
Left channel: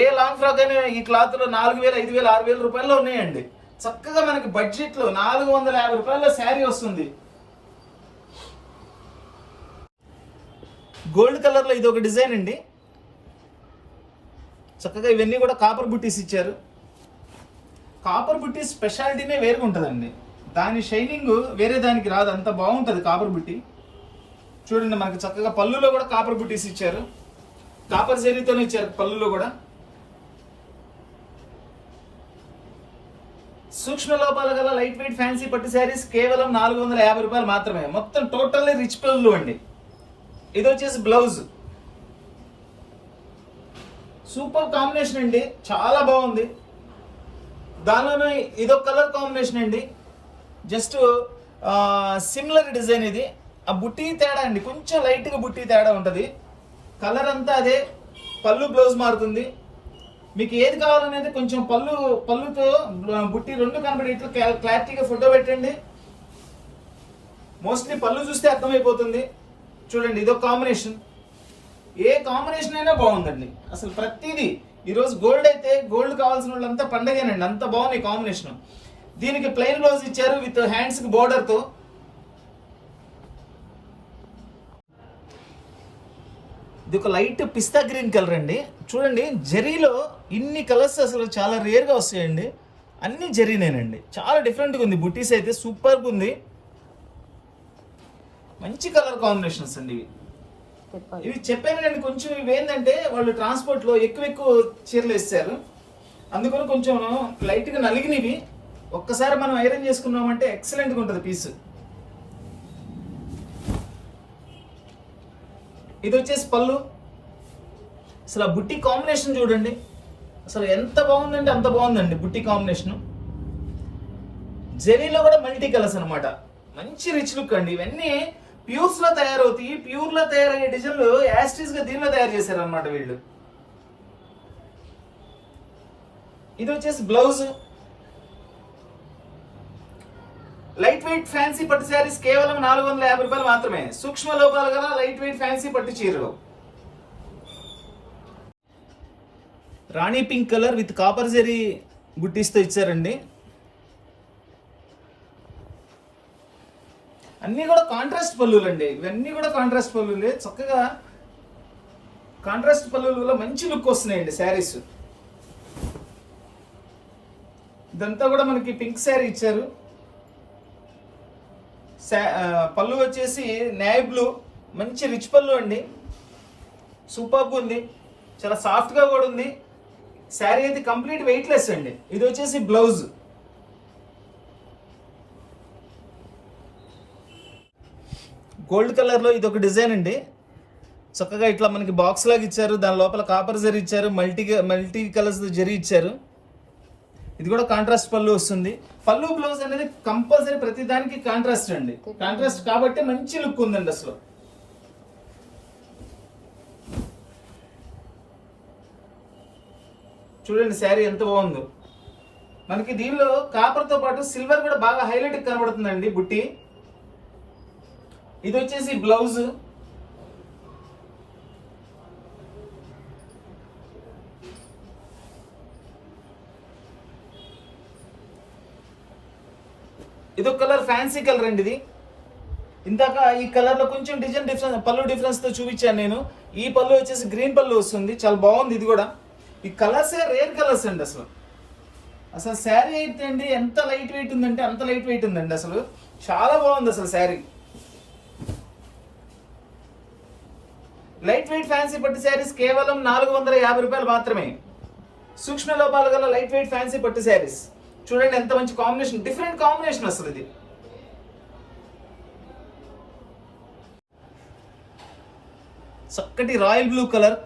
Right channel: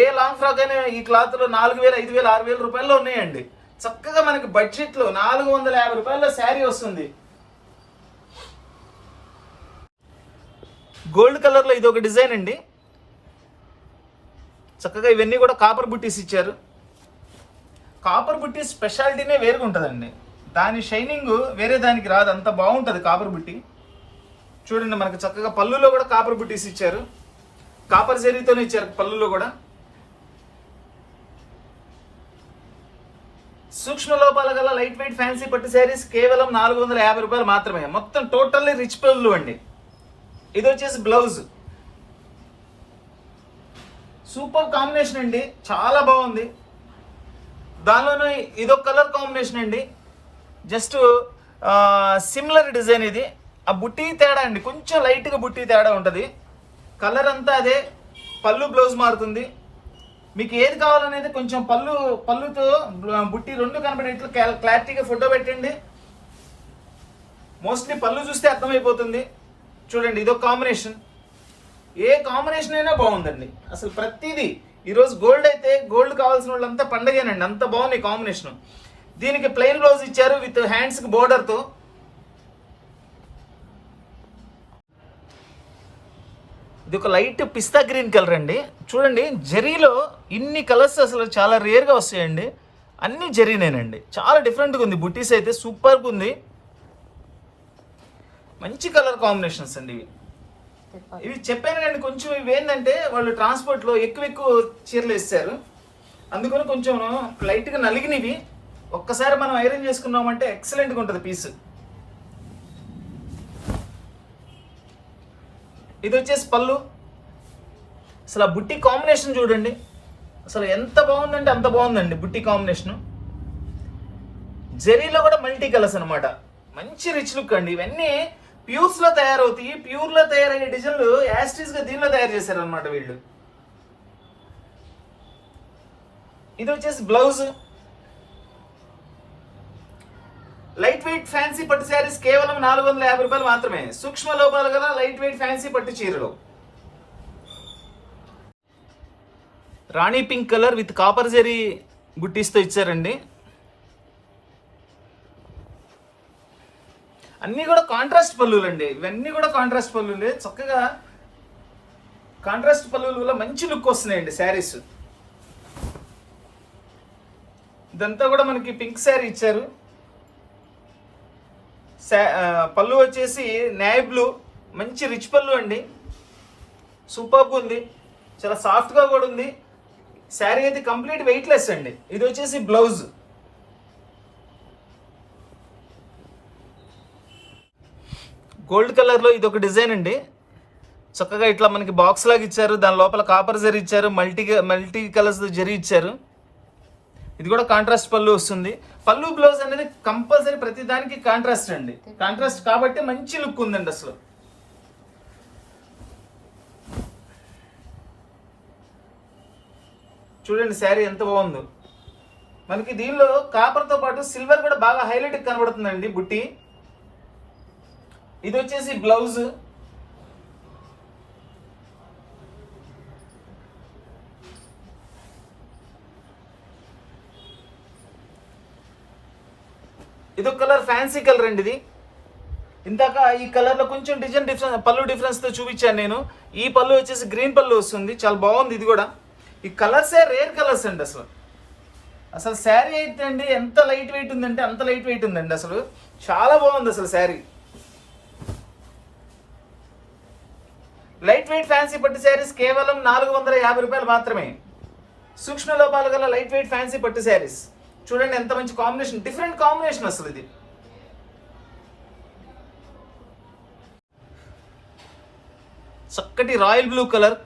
ఏ లాంగ్ ఫ్రాక్ అయినా ఈ క్లాత్ లో 4000, 5000, 6000 రూపాయల్లో ఉన్నాయండి. చక్కగా మనకి బడ్జెట్ లో 450 రూపాయల్లో శారీ వస్తుంది. గోల్డ్ కలర్ లో ఇది ఒక డిజైన్ అండి. చక్కగా ఇవన్నీ కూడా కాపర్ బుట్టీస్ ఇచ్చారు. కాపర్ బుట్టీస్ స్పెషాలిటీనే వేరుగా ఉంటుందండి. దాని షైనింగ్ వేరే దానికి రాదు, అంత బాగుంటుంది కాపర్ బుట్టి. చూడండి మనకి చక్కగా పళ్ళులో కూడా కాపర్ బుట్టీస్ ఇచ్చారు. కాపర్ జరీతోనే ఇచ్చారు పళ్ళులో కూడా. సూక్ష్మ లోపాల గల లైట్ వెయిట్ ఫ్యాన్సీ పట్టు శారీస్ కేవలం 450 రూపాయలు మాత్రమే. మొత్తం టోటల్లీ రిచ్ పళ్ళు అండి. ఇది వచ్చేసి బ్లౌజ్. సూపర్ కాంబినేషన్ అండి, చాలా బాగుంది. దానిలోనూ ఇదొక కలర్ కాంబినేషన్ అండి. Just similar design. ఇది ఆ బుట్టి తేడా అండి, కొంచెం లైట్గా బుట్టి తేడా ఉంటుంది. కలర్ అంతా అదే, పళ్ళు బ్లౌజ్ మారుతుంది. మీకు ఏది కావాలనేది కొంచెం పళ్ళుతో బుట్టి 2 కనబడి ఇట్లా క్లారిటీగా ఫోటో పెట్టండి. మోస్ట్లీ పళ్ళు చూస్తే అర్థమైపోతుంది. చూడండి ఇదొక కాంబినేషన్. ఏ కాంబినేషన్ అయినా బాగుందండి. అసలు ప్రతిదీ ఈరోజు గోల్డ్ అయితే గోల్డ్ కావాల్సిన వాళ్ళంతా పండగేనండి, అంత బాగుంది కాంబినేషన్. దీనికి ప్లెయిన్ బ్లౌజ్ ఇచ్చారు విత్ హ్యాండ్స్కి బోర్డర్తో. ఇది ఒక లైట్ పిస్తా గ్రీన్ కలర్ అండి. చూడండి జరీలో ఇన్ని కలర్స్ అసలు చాలా రేర్గా వస్తాయండి. అన్ని జరీనేనండి, చాలా డిఫరెంట్గా ఉంది. బుట్టీస్ అయితే సూపర్గా ఉంది. మంచి కలర్ కాంబినేషన్స్ అండి ఇవి. చెప్పాను కానీ కొంచెం ఇవి ఏంటంటే వాళ్ళు ట్రాన్స్పోర్ట్లో ఎక్కువ చీరలు ఇస్తారు, అందుకని కొంచెం లైట్గా నలిగినవి. ఒక్కసారి మనం ఐరన్ చేసుకున్నామంటే ఎక్సలెంట్గా ఉంటుంది పీస్. ఇది వచ్చేసి పళ్ళు. అసలు ఆ బుట్టి కాంబినేషన్ చూడండి, అసలు ఎంత బాగుందంటే అంత బాగుందండి బుట్టి కాంబినేషన్. జరీలో కూడా మల్టీ కలర్స్ అనమాట, మంచి రిచ్ లుక్ అండి. ఇవన్నీ ప్యూర్స్ లో తయారవుతాయి. ప్యూర్ లో తయారయ్యే డిజైన్లు యాస్టీస్ గా దీనిలో తయారు చేశారు అనమాట వీళ్ళు. ఇది వచ్చేసి బ్లౌజ్. లైట్ వెయిట్ ఫ్యాన్సీ పట్టు శారీస్ కేవలం 450 రూపాయలు మాత్రమే. సూక్ష్మ లోపాలు గల లైట్ వెయిట్ ఫ్యాన్సీ పట్టు చీరలు. రాణి pink colour with copper zari బుట్టీస్తో ఇచ్చారండి. అన్నీ కూడా కాంట్రాస్ట్ పళ్ళులు అండి. ఇవన్నీ కూడా కాంట్రాస్ట్ పళ్ళులే. చక్కగా కాంట్రాస్ట్ పళ్ళుల వల్ల మంచి లుక్ వస్తున్నాయండి శారీస్. ఇదంతా కూడా మనకి పింక్ శారీ ఇచ్చారు. పళ్ళు వచ్చేసి నేవీ బ్లూ, మంచి రిచ్ పళ్ళు అండి, సూపర్గా ఉంది, చాలా సాఫ్ట్గా కూడా ఉంది. శారీ అయితే కంప్లీట్ వెయిట్లెస్ అండి. ఇది వచ్చేసి బ్లౌజ్. గోల్డ్ కలర్లో ఇది ఒక డిజైన్ అండి. చక్కగా ఇట్లా మనకి బాక్స్ లాగా ఇచ్చారు, దాని లోపల కాపర్ జరీ ఇచ్చారు, మల్టీ కలర్స్ జరీ ఇచ్చారు. ఇది కూడా కాంట్రాస్ట్ పళ్ళు వస్తుంది. పళ్ళు బ్లౌజ్ అనేది కంపల్సరీ ప్రతి దానికి కాంట్రాస్ట్ అండి. కాంట్రాస్ట్ కాబట్టి మంచి లుక్ ఉందండి అసలు. చూడండి శారీ ఎంత బాగుందో. మనకి దీనిలో కాపర్తో పాటు సిల్వర్ కూడా బాగా హైలైట్ కనబడుతుందండి బుట్టి. ఇది వచ్చేసి బ్లౌజ్. ఇది ఒక కలర్, ఫ్యాన్సీ కలర్ అండి. ఇది ఇందాక ఈ కలర్ లో కొంచెం డిఫరెన్స్, పళ్ళు డిఫరెన్స్ తో చూపించాను నేను. ఈ పళ్ళు వచ్చేసి గ్రీన్ పళ్ళు వస్తుంది, చాలా బాగుంది. ఇది కూడా ఈ కలర్సే రేర్ కలర్స్ అండి. అసలు శారీ అయితే అండి ఎంత లైట్ వెయిట్ ఉందంటే అంత లైట్ వెయిట్ ఉందండి. అసలు చాలా బాగుంది అసలు శారీ. లైట్ వెయిట్ ఫ్యాన్సీ పట్టు శారీస్ కేవలం 450 రూపాయలు మాత్రమే. సూక్ష్మ లోపాలు గల లైట్ వెయిట్ ఫ్యాన్సీ పట్టు శారీస్. చూడండి ఎంత మంచి కాంబినేషన్, డిఫరెంట్ కాంబినేషన్ అసలు. ఇది చక్కటి royal blue colour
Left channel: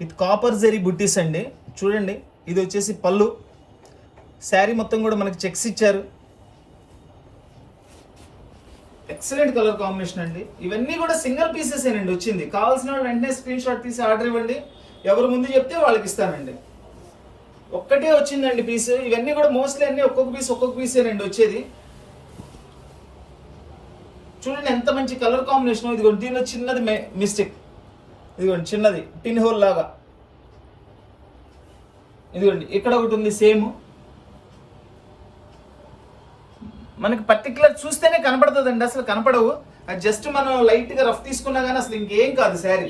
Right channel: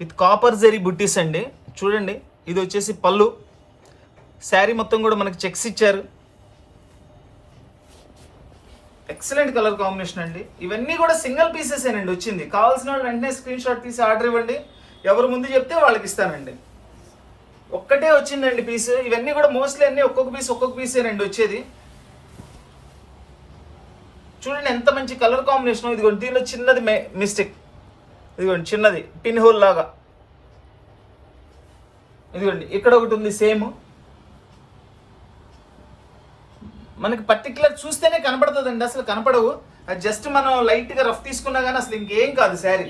with copper zari బుట్టీస్ అండి. చూడండి ఇది వచ్చేసి పళ్ళు. శారీ మొత్తం కూడా మనకి చెక్స్ ఇచ్చారు. ఎక్సలెంట్ కలర్ కాంబినేషన్ అండి. ఇవన్నీ కూడా సింగిల్ పీసెస్ ఏనండి వచ్చింది. కావాల్సిన వాళ్ళు వెంటనే స్క్రీన్ షాట్ తీసి ఆర్డర్ ఇవ్వండి. ఎవరు ముందు చెప్తే వాళ్ళకి ఇస్తానండి. ఒక్కటే వచ్చిందండి పీస్. ఇవన్నీ కూడా మోస్ట్లీ అన్ని ఒక్కొక్క పీసేనండి వచ్చేది. చూడండి ఎంత మంచి కలర్ కాంబినేషన్. ఇదిగోండి దీనిలో చిన్నది మిస్టేక్, ఇదిగోండి చిన్నది పిన్ హోల్ లాగా. ఇదిగోండి ఇక్కడ ఒకటి ఉంది సేమ్. మనకి పర్టికులర్ చూస్తేనే కనపడుతుందండి, అసలు కనపడవు. అది జస్ట్ మనం లైట్ గా రఫ్ తీసుకున్నా కానీ అసలు ఇంకేం కాదు శారీ.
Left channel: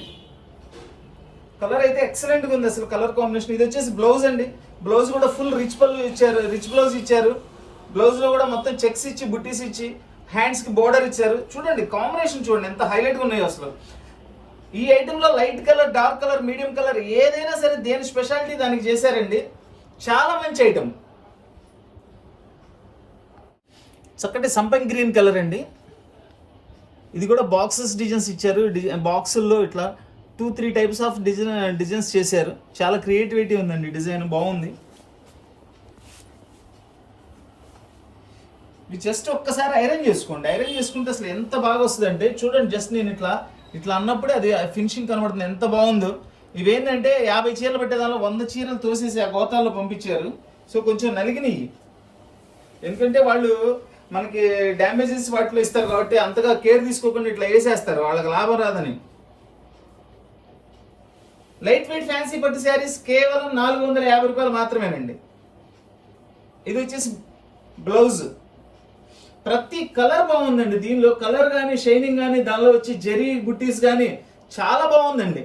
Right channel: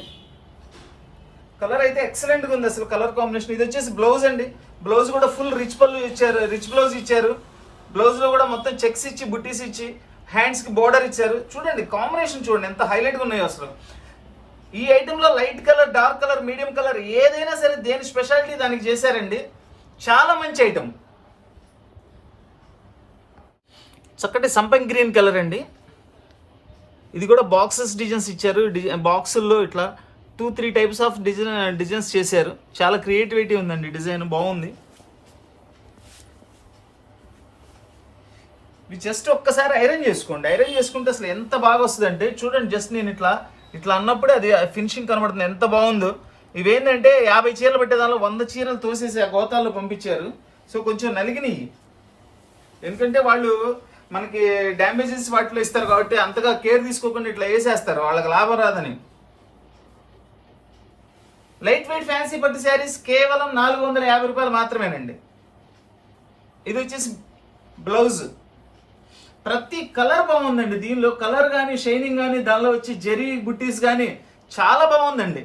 కలర్ అయితే ఎక్సలెంట్ గా ఉంది అసలు కలర్ కాంబినేషన్. ఇది వచ్చేసి బ్లౌజ్ అండి. బ్లౌజ్ కూడా ఫుల్ రిచ్ పళ్ళు ఇచ్చారు, రిచ్ బ్లౌజ్ ఇచ్చారు. బ్లౌజ్ లో కూడా మొత్తం చెక్స్ ఇచ్చి బుట్టీస్ ఇచ్చి హ్యాండ్స్ కి బోర్డర్ ఇచ్చారు. చూడండి కాంబినేషన్ చూడండి ఎంత హైలైట్ గా ఉన్నాయో అసలు. ఈ ఐటమ్ లో light colour, dark colour, medium colour ఏదైనా సరే దేని స్పెషాలిటీ దానికి చేశారండి. చాలా మంచి ఐటమ్. చక్కటి సంపంగి గ్రీన్ కలర్ అండి. ఇది కూడా బాక్సెస్ డిజైన్స్ ఇచ్చారు. బాక్సుల్లో ఇట్లా 2-3 టైప్స్ ఆఫ్ డిజైన్స్ చేశారు. చాలా క్రియేటివిటీ ఉందండి, డిజైన్ బాగుంది. ఇవి జస్ట్ ఒక్కసారి ఐరన్ చేసుకోండి. ఐరన్ చేసుకుంటే అసలు ఎంత బాగా వస్తుంది అంటే చూడండి. జస్ట్ నేను ఇట్లా అన్నప్పుడే అది ఫినిషింగ్ కనబడుతుంది, ఎంత బాగుందో. ఇవేంటంటే 50 చీరలు పెట్టే దానిలో 100 చీరలు తోసేసి ఆ గోతాల్లో పంపించారు. సో కొంచెం నలిగినాయి, ఎందుకంటే వాళ్ళు మనకి డ్యామేజెస్ వాటిలో ఇస్తారు కాబట్టి అంతగా కేర్ తీసుకోకుండా ఇట్లా వేసేస్తారు, వాళ్ళకి లాభం రాదని. లైట్ వెయిట్ ఫ్యాన్సీ పట్టు శారీస్ కేవలం 450 రూపాయలు మాత్రమేనండి. ఇది వచ్చేసి బ్లౌజ్. ప్రతి కలర్ బాగుందండి. దీనిలో కలర్ కానీ, షైనింగ్ కానీ, దానిలో వచ్చి జరీ బుట్టీస్ కానీ చాలా బాగుందండి.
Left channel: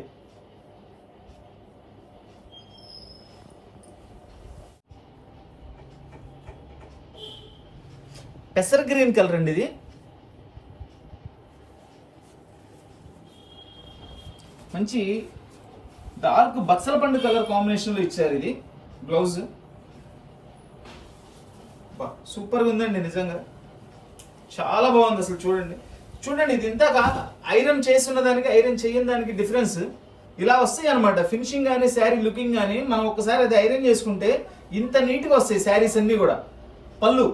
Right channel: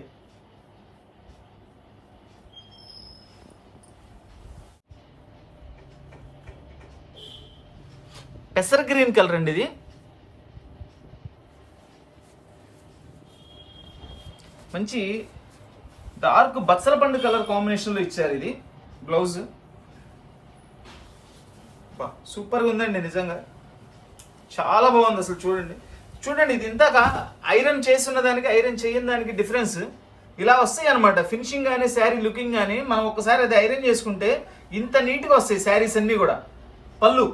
పెసర్ గ్రీన్ కలర్ అండి. ఇది మంచి డార్క్ బచ్చల పండు కలర్ కాంబినేషన్ లో ఇచ్చారు. ఇది బ్లౌజ్ సూపర్ గా ఉందండి, నిజంగా చాలా బాగుంది అసలు. చూడండి ఇది ఇంతగా ఐరన్ చేస్తున్న దానికి ఐరన్ చేయని దానికి డిఫరెన్స్ ఇలా వస్తాయి అనమాట. ఫినిషింగ్ కానీ, శారీ లుకింగ్ కానీ మనం ఒకసారి అది ఐరన్ చేసుకుంటే ఇంత నీట్ గా వస్తాయి శారీస్ అన్ని కూడా. పళ్ళు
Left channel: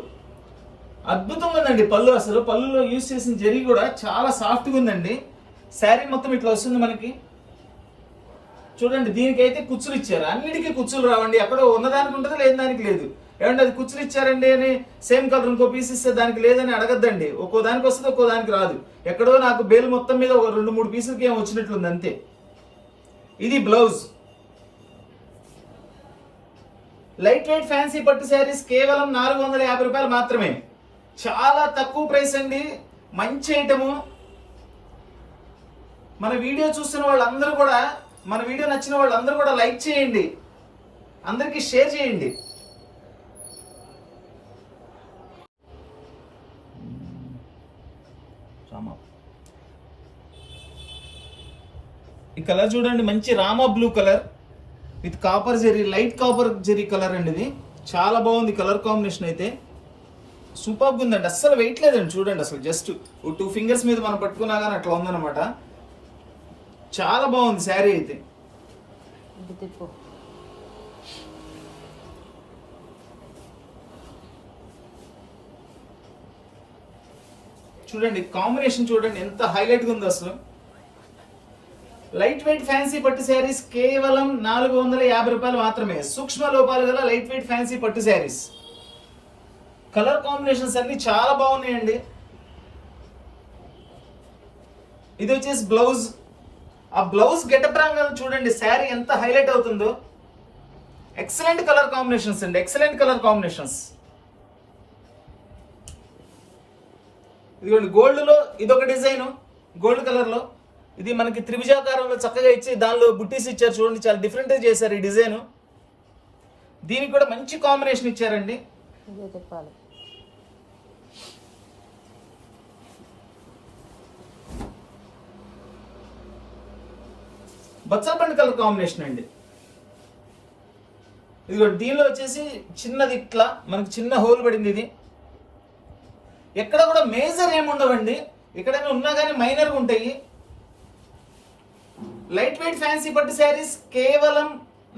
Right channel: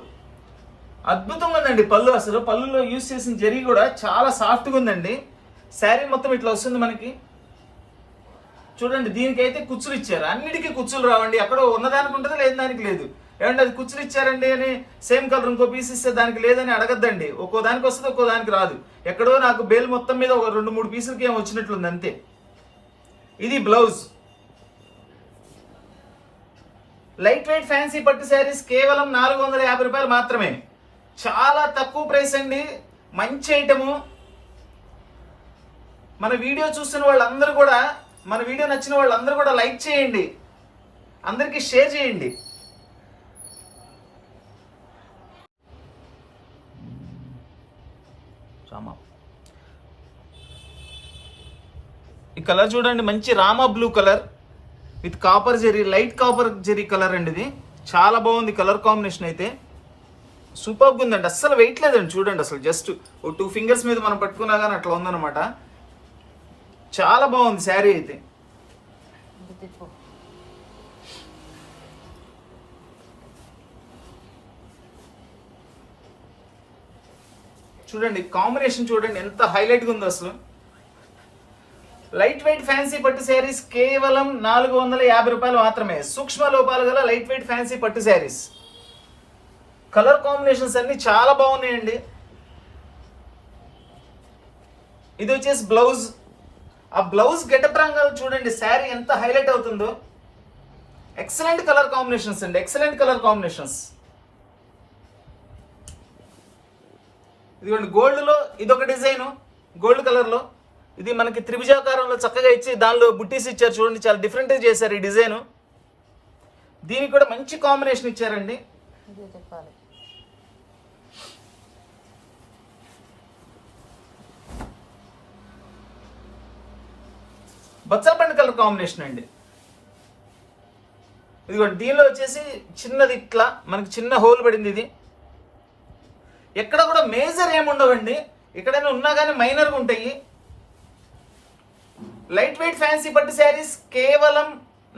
అద్భుతంగా ఉందండి. పళ్ళు అసలు పళ్ళులో యూజ్ చేసిన జరీ కూడా చాలా సాఫ్ట్గా ఉందండి. శారీ మొత్తం ఇట్లా వస్తుంది మనకి. చూడండి దీనికైతే కుచ్చులు ఇచ్చారు. అన్నిటికీ కుచ్చులు రావండి. ఎక్కడో ఉన్నదానికి ఉంటుంది, లేని దానికి లేదు. ఏమంటే అది కుచ్చులు ఇచ్చారండి అని సేమ్ కలర్ ఇంకో పీస్ ఇస్తే దానికి లేదని అడగద్దండి. ఒక్కో దానికి వస్తుంది, ఒక్కో దానికి రాదు. ఎక్కడో నాకు బేల్ మొత్తం మీద ఒక 2-3 పీసులకి ఏమో వచ్చినట్లుంది అంతే. ఇది బ్లౌజ్. లైట్ వెయిట్ ఫ్యాన్సీ పట్టు శారీస్ కేవలం 450 రూపాయలు మాత్రమే. చాలా తక్కువ ప్రైస్ అండి, మంచి ఐటము. మన వీడియో చూస్తున్న వాళ్ళందరూ కూడా, మన వీడియో నచ్చిన వాళ్ళందరూ కూడా లైక్ చేయండి, అందరికీ షేర్ చేయండి. ఈ కలర్ చూడండి, మంచి Rama blue colour with copper zari, light copper zari colour అండి. ఇది చాలా బాగుంది కలర్ కాంబినేషన్ అయితే, సూపర్గా ఉందండి. అస్సలు వెయిట్ లేదండి, చూడండి అసలు జస్ట్ 2 ఫింగర్స్ మీద మనం పట్టుకున్నా కానీ అట్లా ఉందన్నమాట. చాలా బాగుంది శారీ అయితే. చూడండి కాంబినేషన్ చూడండి ఎంత హైలైట్ గా ఉందో అసలు. లైట్ వెయిట్ ఫ్యాన్సీ పట్టు శారీస్ కేవలం 450 రూపాయలు మాత్రమే. సూక్ష్మ లోపాలు గల లైట్ వెయిట్ ఫ్యాన్సీ పట్టు శారీస్. కలర్ కాంబినేషన్స్ అన్ని చాలా బాగున్నాయండి. ఇది వచ్చేసి బ్లౌజ్. ఆ బ్లౌజ్ గెటప్ రంగా చూడండి శారీ ఎంత హైలైట్ అవుతుందో. ఎక్సలెంట్ కలర్ కాంబినేషన్స్ అండి, ఎక్సలెంట్ కలర్ కాంబినేషన్స్. ఇదిగోండి గోల్డ్ లో ఇదొక డిజైన్, గోల్డ్ కలర్ లో. ఇది మనకి త్రిభుజాకారంలో చక్కగా ఇచ్చి దానిలో బుట్టీస్ ఇచ్చారు చూడండి, చాలా డిఫరెంట్ గా చేశారు ఈ డిజైన్. దీనికి కూడా మంచి కాంబినేషన్ ఇచ్చారండి. బచ్చలపండు కలర్ కాంబినేషన్ అండి. ఇదిగోండి దీనిలో వచ్చేసి చిన్నది ఇట్లా మనకి చిన్న హోల్ పడింది. ఇది ఎక్కడ కూడా మేజర్ ఏముండవండి, ఎక్కడైనా ఉన్నా కానీ మైనర్గా ఉంటాయి. లైట్ వెయిట్ ఫ్యాన్సీ పట్టు శారీస్ కేవలం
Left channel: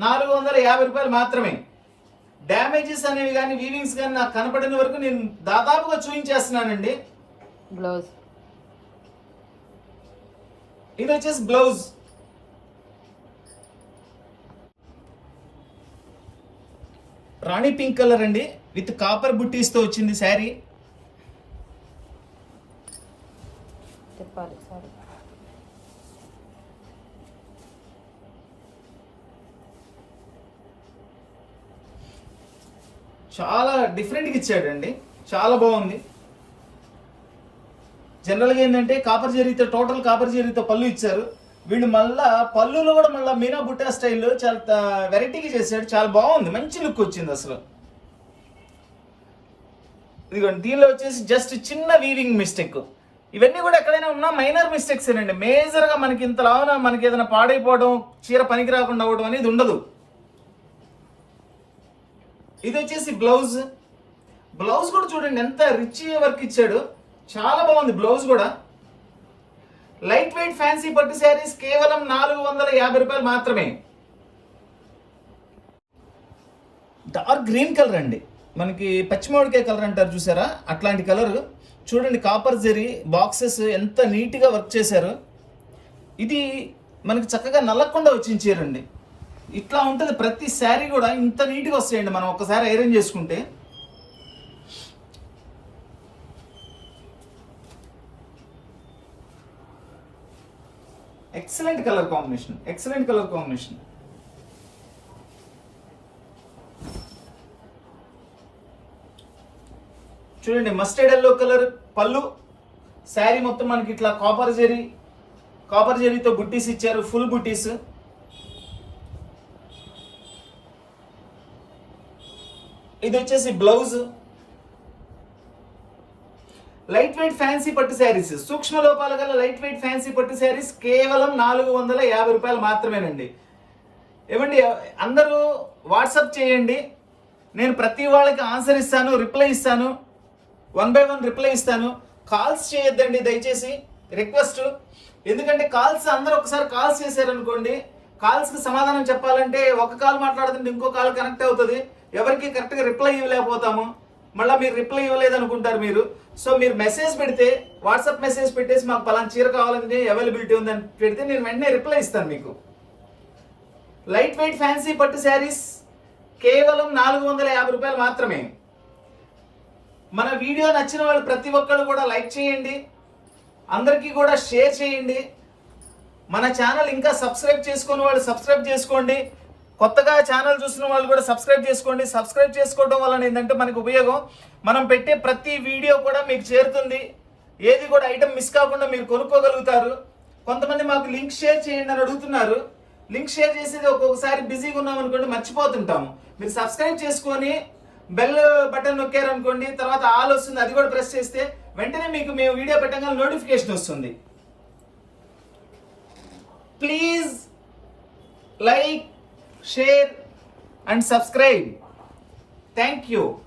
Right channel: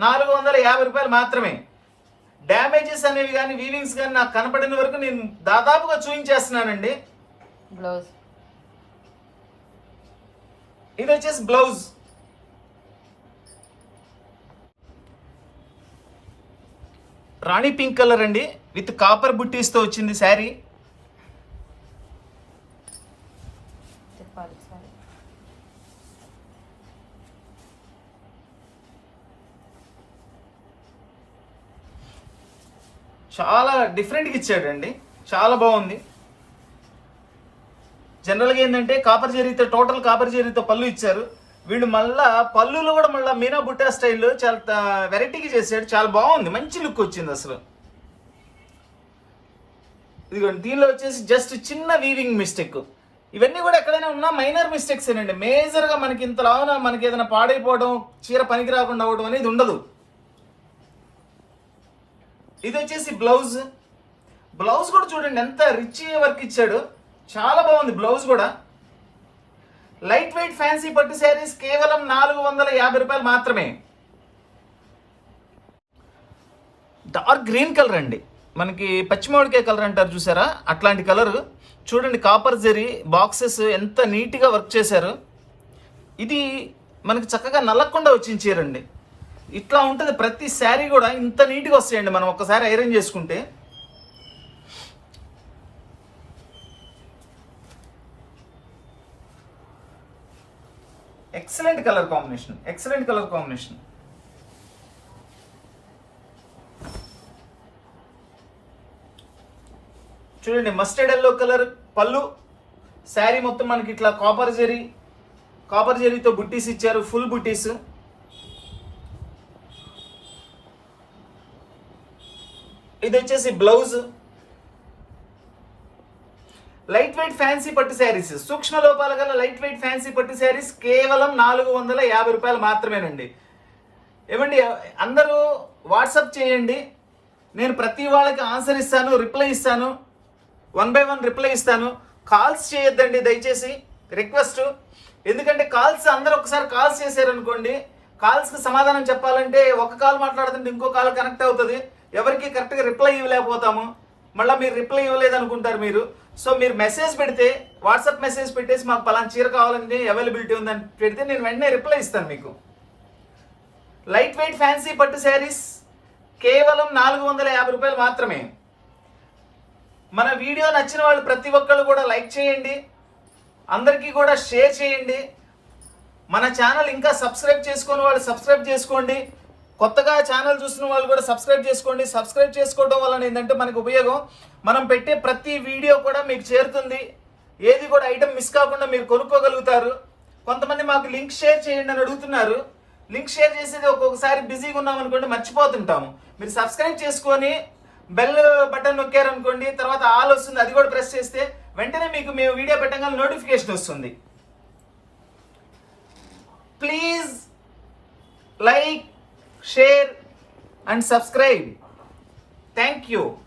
450 రూపాయలు మాత్రమే. డ్యామేజెస్ అనేవి కానీ వీవింగ్స్ కానీ నాకు కనపడిన వరకు నేను దాదాపుగా చూపించేస్తున్నానండి. బ్లౌజ్ ఇది వచ్చేసి బ్లౌజ్. రాణి పింక్ కలర్ అండి, విత్ కాపర్ బుట్టీస్తో వచ్చింది శారీ. చాలా డిఫరెంట్గా ఇచ్చాడండి, చాలా బాగుంది. జనరల్గా ఏంటంటే కాపర్ జరీతో, టోటల్ కాపర్ జరీతో పళ్ళు ఇచ్చారు. వీళ్ళు మళ్ళా పళ్ళులో కూడా మళ్ళీ మీనా బుట్టా స్టైల్లో చాలా వెరైటీగా చేశాడు, చాలా బాగుంది, మంచి లుక్ వచ్చింది అసలు. ఇదిగోండి దీనిలో వచ్చేసి జస్ట్ చిన్న వీవింగ్ మిస్టేక్. ఇవన్నీ కూడా ఎక్కడైనా ఉన్నా మైనర్ మిస్టేక్స్ ఏనండి. మేజర్గా మనకి ఇంతలాగా మనకి ఏదైనా పాడైపోవడం, చీర పనికి రాకుండా అవ్వడం అనేది ఉండదు. ఇది వచ్చేసి బ్లౌజ్. బ్లౌజ్ కూడా చూడండి ఎంత రిచ్ వర్క్ ఇచ్చాడు, చాలా బాగుంది బ్లౌజ్ కూడా. లైట్ వెయిట్ ఫ్యాన్సీ పట్టు శారీస్ కేవలం 450 రూపాయలు మాత్రమే. డార్క్ గ్రీన్ కలర్ అండి, మనకి పచ్చిమామిడికాయ కలర్ అంటారు చూసారా, అట్లాంటి కలర్. చూడండి కాపర్ జరీ బాక్సెస్ ఎంత నీట్గా వర్క్ చేశారు. ఇది మనకి చక్కగా నల్లకుండా వచ్చిన చీరండి. ఇట్లా ఉంటుంది ప్రతి శారీ కూడా, ఇంత నీట్గా వస్తాయండి మనం ఒక్కసారి ఐరన్ చేసుకుంటే. Excellent colour combination, excellent colour combination. చూడండి మస్టర్డ్ ఎల్లో కలర్ పళ్ళు. శారీ మొత్తం మనకి ఇట్లా కాపర్ జరీతో బుట్టీస్ ఇచ్చారు, ఫుల్ బుట్టీస్. ఇది వచ్చేసి బ్లౌజ్. లైట్ వెయిట్ ఫ్యాన్సీ పట్టు శారీస్, సూక్ష్మ లోపాల గల లైట్ వెయిట్ ఫ్యాన్సీ పట్టు శారీస్ కేవలం 450 రూపాయలు మాత్రమేనండి. ఏమండి అందరూ వాట్సాప్ చేయండి, నేను ప్రతి వాళ్ళకి ఆన్సర్ ఇస్తాను, రిప్లై ఇస్తాను, 1 by 1 రిప్లై ఇస్తాను. కాల్స్ చేయొద్దండి దయచేసి, రిక్వెస్ట్. ఎందుకంటే కాల్స్ అందరూ ఒకసారి కాల్స్ చేశారనుకోండి, కాల్స్కి సమాధానం చెప్పాలంటే ఒక కాల్ మాట్లాడుతుంటే ఇంకో కాల్ కనెక్ట్ అవుతుంది, ఎవరికి కరెక్ట్గా రిప్లై ఇవ్వలేకపోతాము. మళ్ళీ మీరు రిప్లై ఇవ్వలేదు అనుకుంటారు మీరు. సో మీరు మెసేజ్ పెడితే, వాట్సాప్ మెసేజ్ పెట్టేసి మాకు పలానా చీర కావాలంటే అవైలబిలిటీ ఉందని పెడితే నేను వెంటనే రిప్లై ఇస్తాను మీకు. లైట్ వెయిట్ ఫ్యాన్సీ పట్టు శారీస్ కేవలం 450 రూపాయలు మాత్రమే. మన వీడియో నచ్చిన వాళ్ళు ప్రతి ఒక్కళ్ళు కూడా లైక్ చేయండి, అందరికీ కూడా షేర్ చేయండి. మన ఛానల్ ఇంకా సబ్స్క్రైబ్ చేసుకున్న వాళ్ళు సబ్స్క్రైబ్ చేసుకోండి. కొత్తగా ఛానల్ చూస్తున్న వాళ్ళు కూడా సబ్స్క్రైబ్ చేసుకోండి. సబ్స్క్రైబ్ చేసుకోవడం వలన ఏంటంటే మనకు ఉపయోగం, మనం పెట్టే ప్రతి వీడియో కూడా మీకు చేరుతుంది. ఏది కూడా ఐటమ్ మిస్ కాకుండా మీరు కొనుక్కోగలుగుతారు. కొంతమంది మాకు లింక్ షేర్ చేయండి అని అడుగుతున్నారు. లింక్ షేర్ చేసేది ఒక్కొక్కసారి బిజీగా ఉన్నాం అనుకోండి, మర్చిపోతుంటాము. మీరు సబ్స్క్రైబ్ చేసుకొని బెల్ బటన్ నొక్కారనుకోండి, తర్వాత ఆల్ వస్తుంది, అది కూడా ప్రెస్ చేస్తే వెంటనే మీకు మేము వీడియో పెట్టగానే నోటిఫికేషన్ వస్తుంది. Please like, share and subscribe. Thank you.